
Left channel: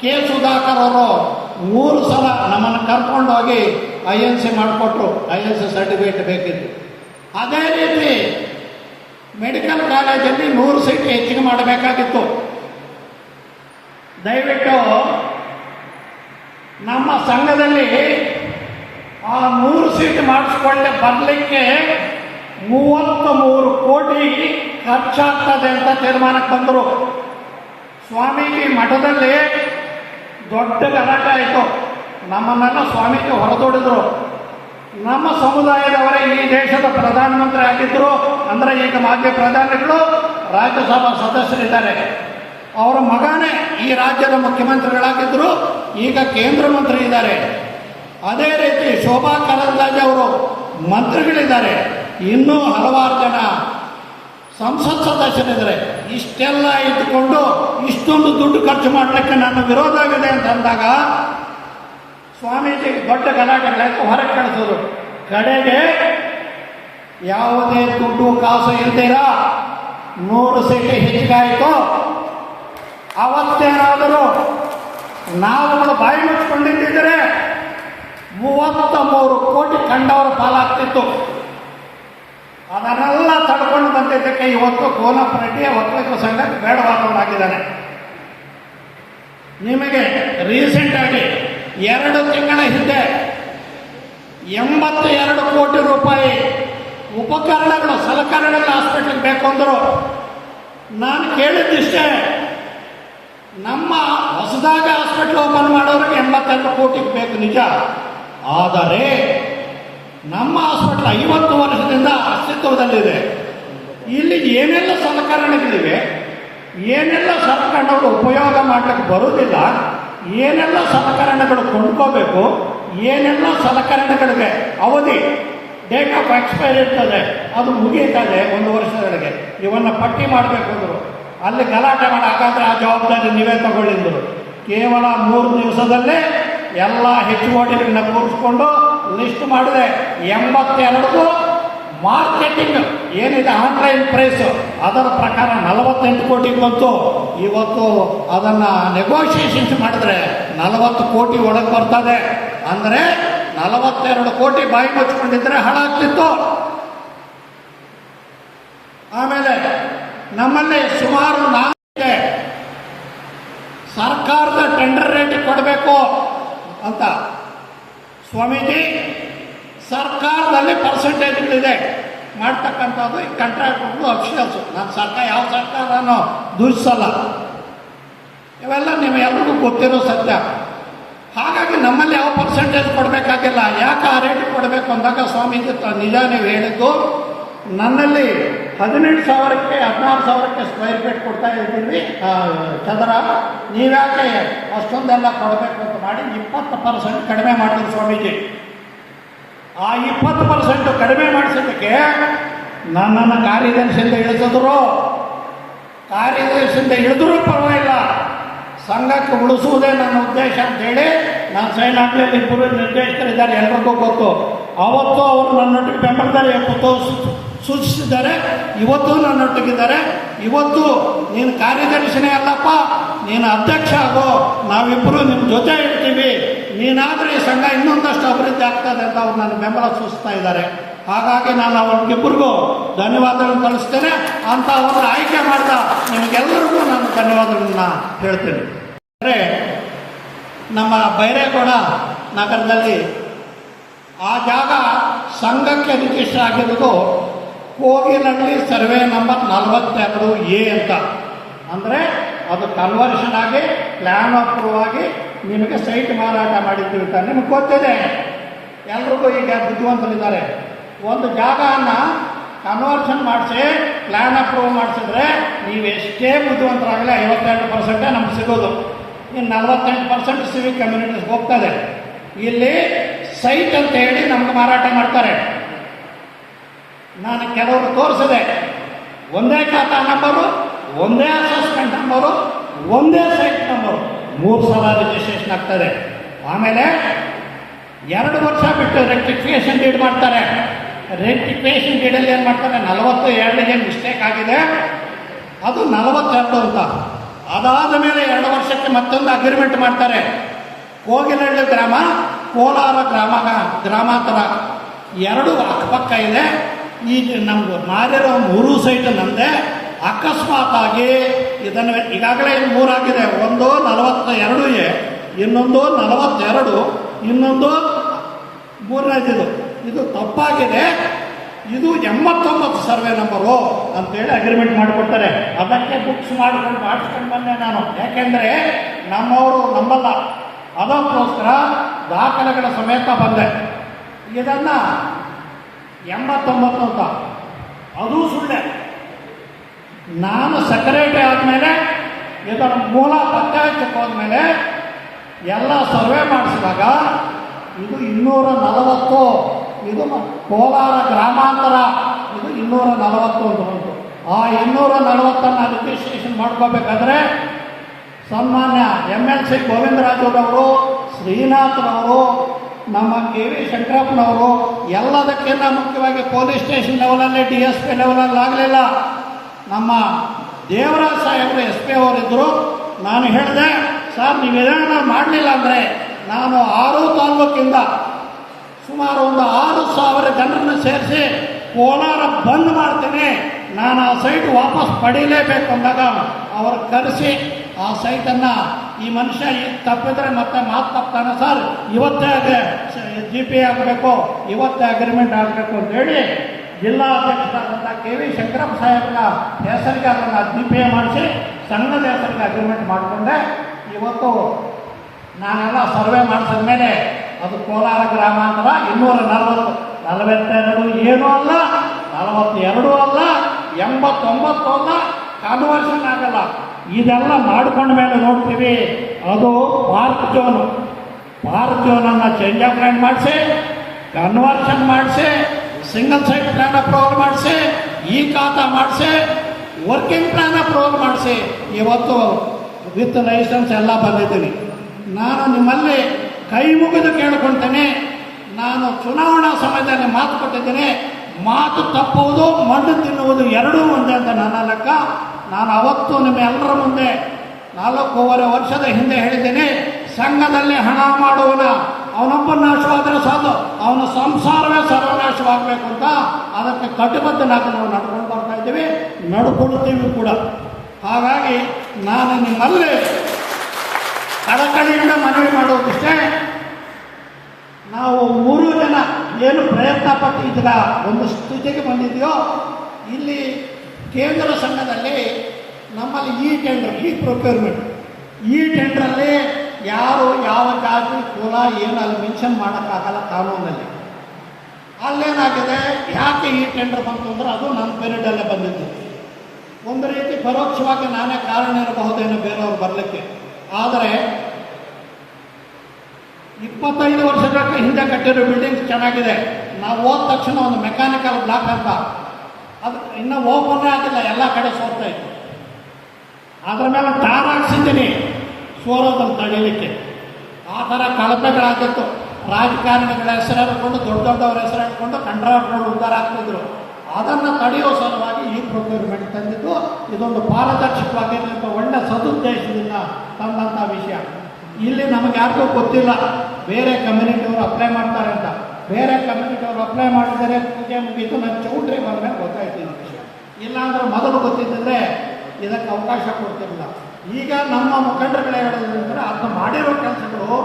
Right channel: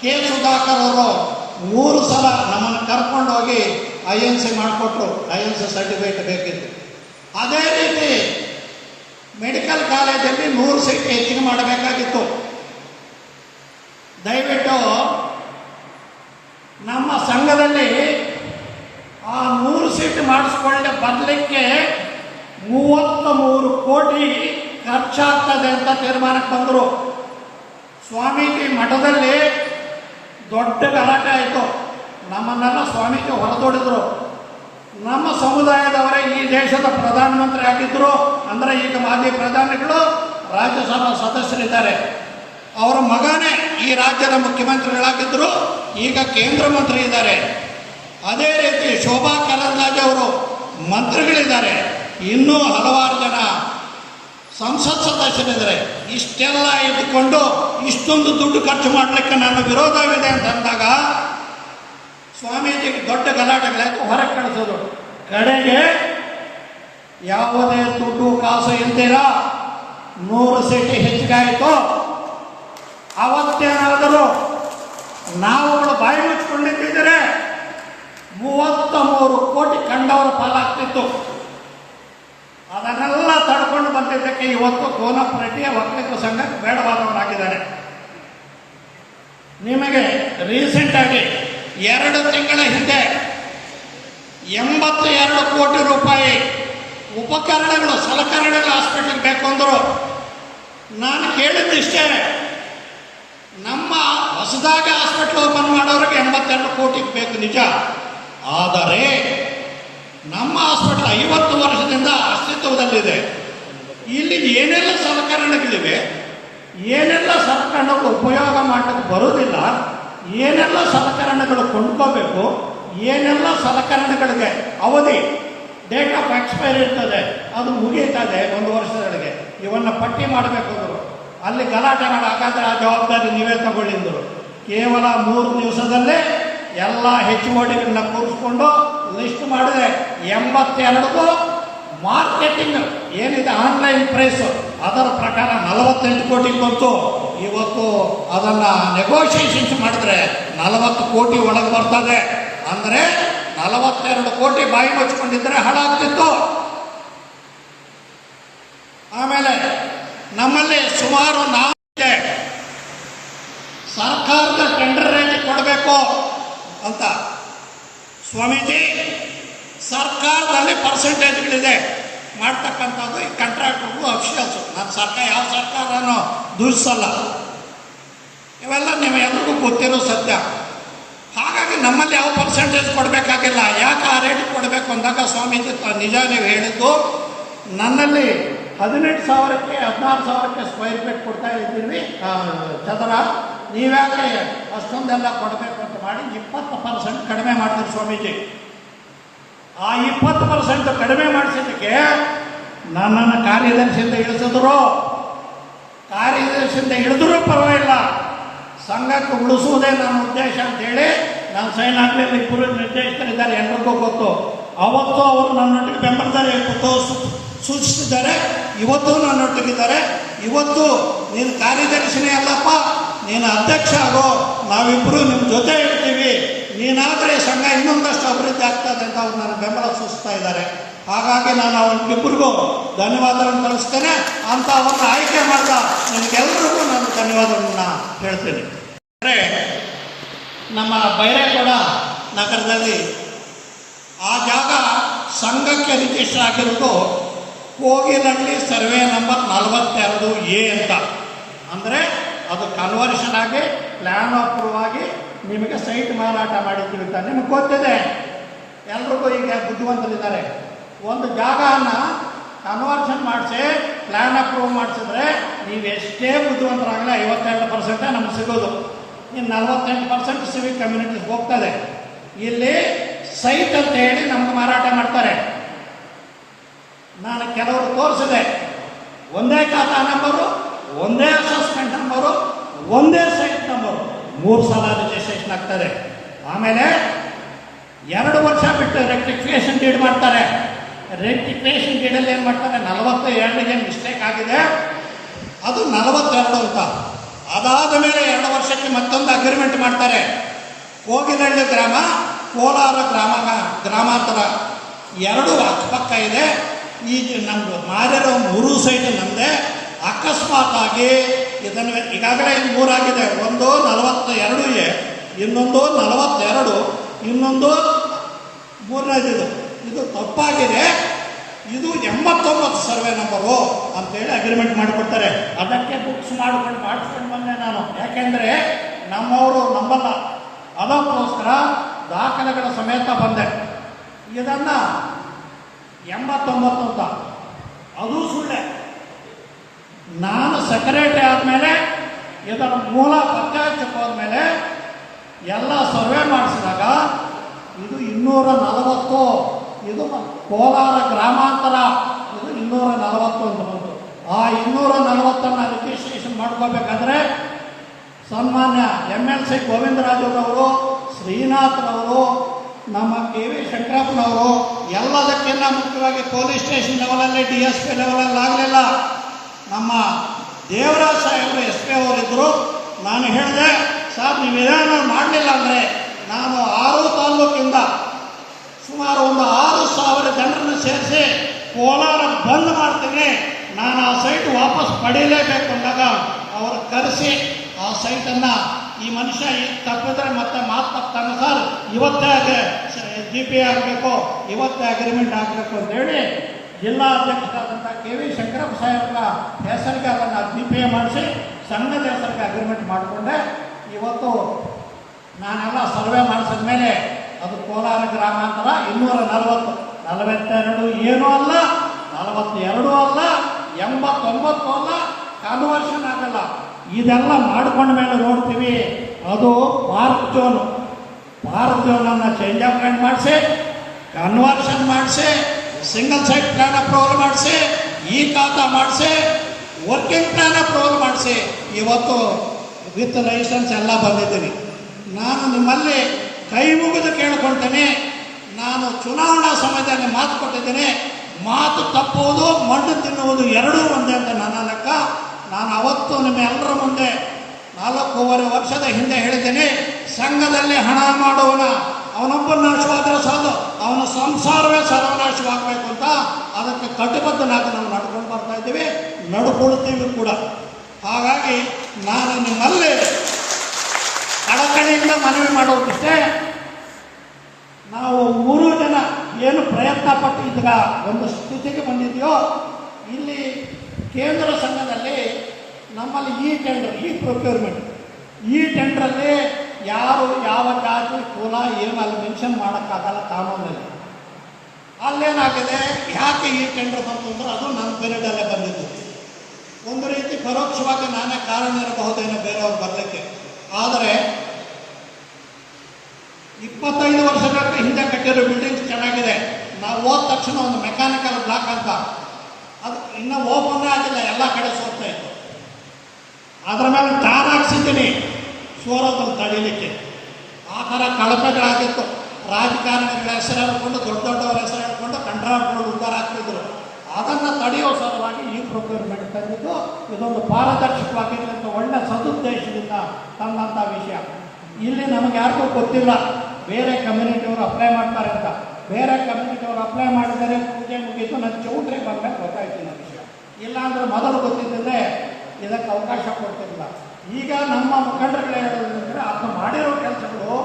K ಸುಧಾಕರ್ ಅವರು 3 ಸಲ ನಮ್ಮನ್ನು ಕರ್ಕೊಂಡು ಹೋಗಿ INC ಮಾಡಿಕೊಟ್ರು. INC ಸರ್ಟಿಫಿಕೇಟ್ ಬೇಕಿತ್ತು. ಅದೇ ರೀತಿ ಮೆಡಿಕಲ್ ಕಾಲೇಜಲ್ಲಿ 100 ಸೀಟ್ ಹೆಚ್ಚಿಗೆ ಮಾಡಬೇಕಾಗಿತ್ತು. ದಯವಿಟ್ಟು ನಮ್ಮ ಸಂಘದಲ್ಲಿ ಆ 100 ಸೀಟ್ ಮಾಡಿಸ್ಕೊಳ್ಳೆ ಬರಲಿಕ್ಕೆ 33 ಕೋಟಿ ಖರ್ಚಾಗ್ತದೆ ಅಂತ ತೀರ್ಮಾನಕ್ಕೆ ಬಂದರು. ಸ್ವಾಮೀಜಿ ಮಠದಲ್ಲಿ ದೊಡ್ಡ ಗಲಾಟೆ ಆಯಿತು. ನಮ್ಮನ್ನೆಲ್ಲ ಸ್ವಾಮೀಜಿ ಹೊರದೋಡಿದ್ರು. ನಮ್ಮ ಸಮುದಾಯದವರೇ ಈ ದೇಶದ ಪ್ರಧಾನಮಂತ್ರಿ ಆಗಿದ್ದರು. ಅಂದರೆ ಈಗ ಮಾಜಿ ಪ್ರಧಾನಿಗಳು ರಾಜ್ಯಸಭಾ ಸದಸ್ಯರಿದ್ದಾರೆ. ಅವರ ಮಗನೇ ಈ ರಾಜ್ಯದ ಮುಖ್ಯಮಂತ್ರಿಗಳಾಗಿದ್ದರು, ಈಗ ಕೇಂದ್ರ ಮಂತ್ರಿ ಇದ್ದಾರೆ. ಅದೇ ರೀತಿ ಶೋಭಾ ಕರಂದ್ಲಾಜೆ ಅವರು ಮಂತ್ರಿಗಳಿದ್ದಾರೆ. ಇನ್ನೂ ಹಲವಾರು ಜನ ಸಂಸತ್ ಸದಸ್ಯರಿದ್ದಾರೆ. ಇಷ್ಟೆಲ್ಲ ಇಟ್ಟುಕೊಂಡು ಇಷ್ಟೊಂದು ದುಡ್ಡು ಖರ್ಚು ಮಾಡಲಿಕ್ಕೆ ನನ್ನ ವಿರೋಧವಿದೆ ಅಂತ ಅಂದಾಗ ಸ್ವಾಮೀಜಿಗೆ ದೊಡ್ಡ ಗಲಾಟೆಗಳಾಯ್ತು, ಹೊರಗೆ ಕಳಿಸೋದು. ಕಡೆಗೆ ಯಾವುದೇ ದುಡ್ಡು ಕಾಸು ಇಲ್ದಿರ 100 ಸೀಟ್ ಹೆಚ್ಚಿಗಾಯಿತು. ಅವತ್ತೇನಾದರೂ ನಾವುಗಳು ಬಾಯಿ ಮುಚ್ಕೊಂಡಿದ್ದರೆ 33 ಕೋಟಿ ಕಂಡವರ ಪಾಲಾಗ್ತಿತ್ತು. ಅದನ್ನೆಲ್ಲ ತಡ್ಕೊಂಡು ಬಂದಿದ್ದಕ್ಕೆ ಇವತ್ತು ಕೋನಪರೆಡ್ಡಿಯ ಒಕ್ಕಲಿಗರ ಸಂಘ ಬೇಡವಾದವರಾಗಿದ್ದಾನೆ. ನಿಮಗೆ ರೀಸೆಂಟಾಗಿ 2 ತಿಂಗಳ ಹಿಂದೆ 82 ಕೋಟಿ ರೂಪಾಯಿ ಉಪಕರಣಗಳು, ಸಲಕರಣೆಗಳು ಹಾಸ್ಪಿಟಲ್ಗೆ ಬೇಕು ಅಂದರು. ನಾನು ಕೇಳಿದ್ದಿಷ್ಟೇ, ನಮ್ಮ ಹೊಸದಾಗಿ ಹಾಸ್ಪಿಟ್ಲ್ ಓಪನ್ ಮಾಡೋರಿಗೆ 82 ಕೋಟಿ ಬೇಕು ನಿಜ. ಆದರೆ ನಮ್ಮ ಹಾಸ್ಪಿಟ್ಲ್ 50 ವರ್ಷದಿಂದ ಅಸ್ತಿತ್ವದಲ್ಲಿದೆ. ಇಲ್ಲಿ ಏನೆಲ್ಲ ಸಲಕರಣೆಗಳಿವೆ, ಏನೆಲ್ಲ ಸಲಕರಣೆಗಳು ಉಪಯೋಗ ಮಾಡಲಿಕ್ಕೆ ಬರುವುದಿಲ್ಲ, ಏನೆಲ್ಲ ಸಲಕರಣೆಗಳು ಕೊಂಡ್ಕೋಬೇಕು, ಏನೆಲ್ಲ ಸಲಕರಣೆಗಳಿಗೆ ಅವಧಿ ಡೇಟ್ ಆಫ್ ಎಕ್ಸ್ಪೈರಿ ಇರ್ತದೆ, ಅದು ಮುಗಿಯುತ್ತದೆ 1 ವರ್ಷದೊಳಗೆ, ಇವನ್ನು ಪಟ್ಟಿ ಮಾಡಬೇಕು ಅಂದರು. ಅಲ್ಲಿ ಗಲಾಟೆ ಮಾಡಿ ಹಾಗಾದರೆ ಆ ಜವಾಬ್ದಾರಿ ನೀವೇ ತಗೊಳ್ಳಿದ್ರು. ಕೇವಲ 3 ದಿವಸದಲ್ಲೇ ಎಲ್ಲ ಹೆಚ್ಚುವರಿಗಳನ್ನ ಕೂರಿಸ್ಕೊಂಡು ಲಿಸ್ಟ್ ಮಾಡಿದೆ. 82 ಮಾರ್ಕೆಟಿಂಗ್ ಏನಿದೆ ಆನ್ಲೈನ್ ಪ್ರೈಸ್ ಅದರ ಪ್ರಕಾರ 48 ಕೋಟಿಗೆ ಬಂತು. ಇವತ್ತು ಅದನ್ನು ನೆಗೋಷಿಯೇಷನ್ಸ್ ಮಾಡಿದ್ರೆ 40 ಕೋಟಿ ಒಳಗೆ ಬರ್ತದೆ. ಅಂದರೆ 42 ಕೋಟಿ ಬಾಯಿ ಮುಚ್ಕೊಂಡಿದ್ರೆ ಹಾಳಾಗ್ತಿತ್ತು. ಆಮೇಲೆ ನಮ್ಮಲ್ಲಿ ಸುಮಾರು 4 ಸರ್ಕಾರದ ಟೆಂಡರ್ ರೇಟ್ ಕೊಡಬೇಕು ಅಂತ ಸ್ವಾಮೀಜಿ ಸರ್ಕಾರದಲ್ಲಿ ಪರ್ಸೆಂಟೇಜ್ಗಳಿದೆ ಮಾಡ್ತಕ್ಕಂಥದ್ದು. ಈ ಕಾಂಟ್ರಾಕ್ಟ್ಗಳು ಅಫಿಷಿಯಲ್ಸು. ನಮ್ಮ ಸರ್ಕಾರ ಯಾವ ಸರ್ಕಾರನೂ ದೂರಿಸಲ್ಲ. ಇವೆಲ್ಲ ನಿಮಗೆಲ್ಲರಿಗೂ ಗೊತ್ತಿರೋ ಸತ್ಯ. ಹಾಗಾಗಿ ನಮ್ಮಲ್ಲಿ ಯಾವ ಪರ್ಸೆಂಟೇಜ್ ಕೊಡಬೇಕಾಗಿಲ್ಲ. ಯಾಕೆ ಆ ರೇಟ್ ಕೊಡಬೇಕು ಅಂದಾಗ ಸ್ವಾಮೀಜಿ ನಿಜ ನೀವು ಹೇಳಿದ್ದು, ನನ್ನಲ್ಲಿ 17,000ಕ್ಕೆ 16,000ಕ್ಕೆ ಸ್ಕ್ವೇರ್ ಫೀಟ್ ಕೊಡ್ತಾ ಇದ್ದೀವಿ ಚದರ, ನೀವ್ಯಾಕೆ ಅಷ್ಟೊಂದೆಲ್ಲ ಕೊಡಬೇಕು ಅಂತ ಮಾಡಿ 20% ಕಡಿಮೆ ಮಾಡಿದ್ರು ಸ್ವಾಮೀಜಿ. ಆ 20% ಕಡಿಮೆ ಮಾಡಿಸೋದಕ್ಕೆ ನನ್ನನ್ನು ಕಾರ್ಯದರ್ಶಿಯಿಂದ ಇಳಿಸಿದ್ರು. ಕಾರ್ಯದರ್ಶಿಯಿಂದ ಇಳಿದ್ರೂ ಪರವಾಗಿಲ್ಲ, ಸಂಘಕ್ಕೆ ಉಳಿಸುವುದೇ ನನ್ನ ಉದ್ದೇಶ ಅಂತೇಳಿ ನಾನು ಸೈನಾಗ್ಲಿ ಇಬ್ಬರು ನಿರ್ದೇಶಕರಿದ್ದಾರೆ, ಎಲ್ಲರಿಗೂ ಗೊತ್ತು. ಅವತ್ತು ಅವರು ನನ್ನೊಟ್ಟಿಗೆ ಬೆಂಬಲದಲ್ಲಿ ಸೂಚಿಸಿದ್ದಾರೆ, ಇವತ್ತು ನನ್ನೊಟ್ಟಿಗಿದ್ದಾರೆ. ಇವತ್ತು ನೀನು ಕಾರ್ಯದರ್ಶಿನೇ ಅಲ್ಲಪ್ಪ, ನೀನು ಅಧ್ಯಕ್ಷ ಆಗೋ, ನಾವಿಬ್ಬರು ನಿಮ್ಮ ಜೊತೆ ಇರ್ತೀವಿ, ನೀನಾದರೆ ಸಂಘ ಇನ್ನೊಂದಷ್ಟು ಅಭಿವೃದ್ಧಿ ಆಗ್ತದೆ ಅಂತ ಅವ್ರು ನನ್ನ ಬೆಂಬಲ ಸೂಚಿಸ್ತಾ ಇದ್ದಾರೆ. ಹಾಗಾಗಿ ನಾನು ಅವ್ರಿಗಿಬ್ಬರಿಗೂ ಧನ್ಯವಾದಗಳನ್ನು ತಿಳಿಸ್ತೇನೆ. ಅಂತ ಅವ್ರನ್ನ ಆಯ್ಕೆ ಮಾಡಿದ ನಿಮಗೆಲ್ಲರಿಗೂ ನಾನು ಧನ್ಯವಾದಗಳನ್ನ ಹೇಳ್ತೀನಿ. ಅಂದರೆ ನಮ್ಮ ಬೈರೇಗೌಡ ನಗರದಲ್ಲಿ ಆ ಜಾಗ ಸಂಘಕ್ಕೆ ರಿಜಿಸ್ಟರ್ ಆಗಿರೋದು ಕೋಗಿಲಹಳ್ಳಿ ಸರ್ವೆ ನಂಬರ್ 42A ಅಂತ. ಅಂದರೆ ಅದು ಕನ್ವರ್ಷನ್ ಆಗಿ ಪ್ಲ್ಯಾನ್ ಅಪ್ರೂವ್ ಆಗಿ ನಿಮಗೆ ಸೈಟ್ ಮಾರಾಟ ಮಾಡಿದ್ದೀವಿ ಅಂತ ನಿಮಗೆ ಗೊತ್ತಿದೆ. ಎಲ್ರಿಗೂ ಈಗ ಬುದ್ಧಿವಂತರಿದ್ದಾರೆ. ಒಂದು ಜಾಗವನ್ನು ಕನ್ವರ್ಷನ್ ಮಾಡಿಸಿ ಪ್ಲ್ಯಾನ್ ಅಪ್ರೂವ್ ಮಾಡಿಸಿದ್ರೆ ನೀವೆಷ್ಟೇ ಬುದ್ಧಿವಂತರಾಗಲಿ 52% ನಮ್ಗೆ ಸಿಗೋದು. ಇನ್ನು 48% ಸಿವಿಕ್ ಕಮ್ಯುನಿಟೀಸ್ ಹೋಗ್ತದೆ. ಇಲ್ಲಿ ಸೈಟ್ ಅಂತ ಹೇಳಿ ನಮ್ಗೆ ಮಾರಾಟ ಮಾಡ್ತಾರೆ. ನಾನು ಕೆಲವರು ತೋರಿಸಿದೆ, ಒಂದೇ ಖಾತಾ ನಂಬರು, ಒಂದೇ ಅಸೆಸ್ಮೆಂಟ್ ನಂಬರು, ಒಂದೇ ಸೈಟ್ ನಂಬರು, 3 ಸಲ ರಿಜಿಸ್ಟ್ರೇಷನ್ ಆಗ್ತದೆ. ಆಮೇಲೆ 2 ವರ್ಷ ಬಿಟ್ಟು ರೆಕ್ಟಿಫಿಕೇಶನ್ ಡೀಡ್ ಮಾಡ್ತಾರೆ. ರೆಕ್ಟಿಫಿಕೇಶನ್ ಡೀಡಲ್ಲಿ ಏನು ಮಾಡ್ತಾರೆ, 42ಗೆ ಮಿಸ್ಟೇಕ್ ಆಗಿದೆ, ಅದು 42 ಅಂತ. ಅದಾದ ಮೇಲೆ 2 ವರ್ಷಕ್ಕೆ ಮತ್ತೊಂದು ಅಗ್ರಿಮೆಂಟ್ ಮಾಡ್ತಾರೆ. ಕೋಗಿಲಹಳ್ಳಿ ಗ್ರಾಮ, ಕೋಲಾರ ಗ್ರಾಮಾಂತರ 2 ಅಕ್ಕಪಕ್ಕ ಇದೆ. ಈಗ ನಮ್ದು ಮಾಡಿರೋ 3 ಸೈಟ್ ನಮ್ಮದೇ. ಅಕಸ್ಮಾತ್ ಆಗಿ ಇದನ್ನು ಈಗಾಗಲೇ 3 ಆಗಿದೆ, ಒಂದು 42, ಇನ್ನೊಂದು 42, ಇನ್ನೊಂದು 3ನೇದಿದು. ಇದು ತಪ್ಪಾಗಿದೆ, ಇದು 89 ಸರ್ವೆ ನಂಬರು ಅಂತೇಳಿ ಅಗ್ರಿಮೆಂಟ್ ಮಾಡಿಕೊಡ್ತಾರೆ. ಅದಕ್ಕೆ ಬುಕ್ಸ್ ಮಾಡಿಸ್ಕೊಂಡು ಬಂದೆ ನಾನು. ಯಾಕೆಂದರೆ ನಮ್ಮವರು ನಂಬಲ್ಲ, ಅದಕ್ಕೋಸ್ಕರ ದಾಖಲೆಗಳ ಸಮೇತ ಬಂದೆ. ಇದನ್ನು 89 ಅಂತ, ಅದು ಸುಳ್ಳೆ. ನಾನು ಸೆಕ್ರೆಟರಿ ಆದಮೇಲೆ ಇದರ ಮೂಲ ಪಕ್ಕ ಹೋದ್ಮೇಲೆ ಎಲ್ಲ ಸರ್ವೆ ಮಾಡಿಸಿದಾಗ ಇದು 240, ಇದು ಕೋಲಾರ ಗ್ರಾಮಾಂತರ, ಇದು 240 ಅಂತ ಬಂತು. ಆ 240 ರಿಜಿಸ್ಟ್ರೇಷನ್ ಮಾಡ್ಕೋಬೇಕಾದ್ರೆ ಸನ್ಮಾನ್ಯ MLC ಗೋವಿಂದರಾಜರವರು, ಶ್ರೀನಾಥ್ರವರು, ನಮ್ಮ KV ಶಂಕರಪ್ಪನವರು, ಎಲ್ಲದಕ್ಕಿಂತ ಮುಖ್ಯವಾಗಿ ಪೊಲೀಸ್ ಸ್ಟೇಷನ್ ಲೆವೆಲಲ್ಲಿ DSP ಲೆವೆಲಲ್ಲಿ ಆಗಲಿಲ್ಲ. ನಮ್ಮ ದೇವರಾಜ್ ಸಾಹೇಬರು SP ಅವರಿದ್ದರು. ನಾನು ಹೇಳಿದೆ, ಸರ್ ನೀವೇನಾದ್ರು ಮಾಡಲಿಲ್ಲ ಅಂದರೆ ನಾನು 6 ತಾಲೂಕಿಂದ ಸುಮಾರು ಒಂದು 6,000 ಜನರನ್ನು ಸೇರಿಸಿ ಕೋಲಾರ ಬಂದ್ ಮಾಡ್ತೀನಿ, ನಾನು ಆ ಸೈಟ್ ವಾಪಸ್ ಪಡೀಲೇಬೇಕು ಅಂದಾಗ ಅವರು ಕರೆಸಿ ಆ ಸೈಟನ್ನು, ಈ ಮನುಷ್ಯ ತಪ್ಪಿದ್ರೆ ಮತ್ತೆ ಮಾತು ತಪ್ತಾನೆ ಸರ್, ಇವತ್ತೇ GP ಆಗಬೇಕು, ಇವತ್ತೇ ಅಗ್ರಿಮೆಂಟ್ ಆಗಬೇಕು ಅಂತೇಳಿ ಜಿಲ್ಲಾ ಅಧ್ಯಕ್ಷರಾದಂಥ KV ಶಂಕರಪ್ಪ ಸಾಹೇಬರ ಹೆಸರಿಗೆ ಅದನ್ನು GP ಮಾಡಿಸಿ ಸಂಘದ ಹೆಸರಿಗೆ ಅಗ್ರಿಮೆಂಟ್ ಮಾಡಿಕೊಂಡೆ. ಇವತ್ತು ನಾನೆಲ್ಲ ಸರ್ವೆ ಮಾಡಿಸಿದ ಮೇಲೆ ಅದು ಕೋಲಾರ ಗ್ರಾಮಾಂತರ 240, 42 ಏನೂ ಅಲ್ಲ, 42 ಅಲ್ಲ, 89 ಅಲ್ಲ, ಕನ್ವರ್ಷನ್ ಆಗಲ್ಲ. ಇದೆಲ್ಲ ಮಾಡ್ಕೊಂಡ ಮೇಲೆ ನೋಡ್ತೀವಿ ಅದು ಪಾರ್ಕ್ ಝೋನನ್ನು ಚೇಂಜ್ ಆಫ್ ಲ್ಯಾಂಡ್ ಮಾಡಿಸಿ, ಕನ್ವರ್ಷನ್ ಮಾಡಿಸಿ, ಸಿಂಗಲ್ ಸೈಟ್ ಪ್ಲಾನ್ ಅಪ್ರೂವಲ್ ಮಾಡಿಸಿ, ಈ ಖಾತಾ ಮಾಡಿಸಿ, ವರ್ಕಿಂಗ್ ಪ್ಲಾನ್ ಅಪ್ರೂವಲ್ ಮಾಡಿಸಿ, ಇವತ್ತು ವಿತ್ ಲೈಸೆನ್ಸ್ ಎಲ್ಲ ಬಂದಿದ್ದೀನಿ. ನಾನು ನಿಮ್ಮಲ್ಲಿ ಕೈ ಮುಗಿದು ಕೇಳ್ಕೊಳ್ತೇನೆ. ನಾನು ಚುನಾವಣಾ ಸಮಯದಲ್ಲಿ ಮಾತು ಕೊಟ್ಟಿದ್ದೀನಿ, ಮಾತು ತಪ್ಪುವುದು ಮಣ್ಣು ತಿನ್ನುವುದು ಎರಡೂ ಒಂದೇ ಅಂತ ನನ್ನ ಲೆಕ್ಕ. ನಾನು ಅವತ್ತು ನಿಮ್ಮೆಲ್ಲರ ಮುಂದೆ 4.5 ವರ್ಷದ ಹಿಂದೆ ಹೇಳಿದ್ದೀನಿ, ಸಂಘದಲ್ಲಿ ಹಣ ಮಾಡುವನ ಅವನೊಬ್ಬ ನಾಶವಾದರೆ ಸಾಕು, ಅವನ ಸಂಸಾರವೇ ಸರ್ವನಾಶವಾಗಬೇಕು ಅಂತ. ಅದಕ್ಕೆ ಕಟಿಬದ್ಧನಾಗಿ ನಾವು ನಡ್ಕೊಂಡು ಬರ್ತಾ ಇದ್ದೀವಿ, ನಡ್ಕೊಳ್ತೀವಿ ಕೂಡ. ಹಾಗಾಗಿ ನಾನು ನಿಮ್ಮಲ್ಲಿ ಕಳಕಳಿಯಿಂದ ಮನವಿ ಮಾಡುವುದಿಷ್ಟೇ, ನಾವು 3 ಜನ ಏನು ಪ್ರಯತ್ನ ಪಟ್ಟು ಇದರ ಒಂದು ಸ್ಥಿತಿಗೆ ಬಂದಿದೆಯೋ, ಇಲ್ಲಿ ಕೇಂದ್ರ ಸಂಘದಲ್ಲಿ ನಮ್ಮಲ್ಲಿ ಈ ಟೆಂಡರ್, ಈ ಪ್ರೊಕ್ಯೂರ್ಮೆಂಟ್, ಈ ಟೆಂಡ್ರಲ್ಲಿ ಯಾರು ಯಾವ ಜಾತಿ ಕುಲ ಏನು ಅಲ್ಲಿ ಮೆನ್ಷನ್ ಮಾಡೋಕ್ಕಾಗಲ್ಲ ಕಾನೂನಲ್ಲಿ. ಅಲ್ಲೇನಾಗಿದೆ, ಯಾಕೆ ಈ ಟೆಂಡರ್ ಬಂತು ಅಂದರೆ ಅದು ನನ್ನ ಪೀರಿಯಡಲ್ಲೇ ಬಂದಿದ್ದು. ಒಂದು ರೀತಿ ಪರೋಕ್ಷವಾಗಿ ನಾನೇ ಕಾರಣ ಇರಬಹುದೇನೋ ಬೇರೆಯವ್ರು ಬರಲಿಕ್ಕೆ. ಆದರೆ 25 ವರ್ಷಗಳ ಹಿಂದೆ ಕಟ್ಟಿರೋ ಬಿಲ್ಡಿಂಗ್ಸ್ ಚೆನ್ನಾಗಿದೆ. ನಾವು ಹೋದ ತಕ್ಷಣ ಒಂದು ಮೆಕ್ಯಾನಿಕಲ್ ಬ್ಲಾಕ್ ಅಂತ, ಅದು ಇನ್ನೂ ಓಪನ್ನೇ ಆಗಿಲ್ಲ, ಎಲ್ಲ ಕಡೆ ಸೋರ್ತಾ ಇತ್ತು. ಅದರ ಮೇಲೆ ಟಾರ್ ಹಾಕ್ಸಿದ್ದೀನಿ ಸೋರೋದನ್ನು ತಡೀಲಿಕ್ಕೆ. ಆ ಥರ ಕಳಪೆಗಳಾಗಿತ್ತು. ರಾಜಕಾರಣಿಗಳ ಹೆಸರು ಹೇಳ್ಕೊಂಡು, ದೊಡ್ಡವರ ಹೆಸರು ಹೇಳ್ಕೊಂಡು ಕಂಟ್ರಾಕ್ಟ್ಗಳು ಉದ್ಧಾರ ಆಗ್ತಿದ್ರು. ಅದನ್ನು ತಡೆಯೋ ಸಲುವಾಗಿ ಈ ಪ್ರೊಕ್ಯೂರ್ಮೆಂಟ್ ತಂದಿದ್ದು. ಇದೊಂದು ಪಾರದರ್ಶಕವಾಗಿರುವಂಥ ಒಳ್ಳೆ ಸದುದ್ದೇಶದಿಂದ ತಂದಂಥ ವಿಷಯ. ಇಲ್ಲಿ ನಮಗೆ ಯಾರಿಗೂ ಗೊತ್ತಿಲ್ಲ ಬೇರೆ ಕಮ್ಯುನಿಟಿಯವರು ಅಪ್ಲೈ ಮಾಡ್ತಾರೆ ಅಂತ. ಬೇರೆ ಕಮ್ಯುನಿಟಿಯವರು ಅಪ್ಲೈ ಮಾಡಿದರೆ ಪೂಜೆ ಮುಗಿತು, ನನ್ನ ಚೌಟ್ರಿ ಬಂದಾಗ ಗೊತ್ತಾಯ್ತು ಈ ವಿಷಯ. ಇಲ್ಲಾಂದರೆ ಮೊದಲು ಗೊತ್ತಿದ್ದರೆ ಇದಕ್ಕೆ ಅವಕಾಶ ಕೊಡ್ತಿಲ್ಲ. ಈಗ ನಮ್ಮ ಮುಖಂಡರುಗಳು ಹೇಳೋದಂದರೆ ಅದು ಮಾಡಿರೋ ಕೆಲಸಗಳು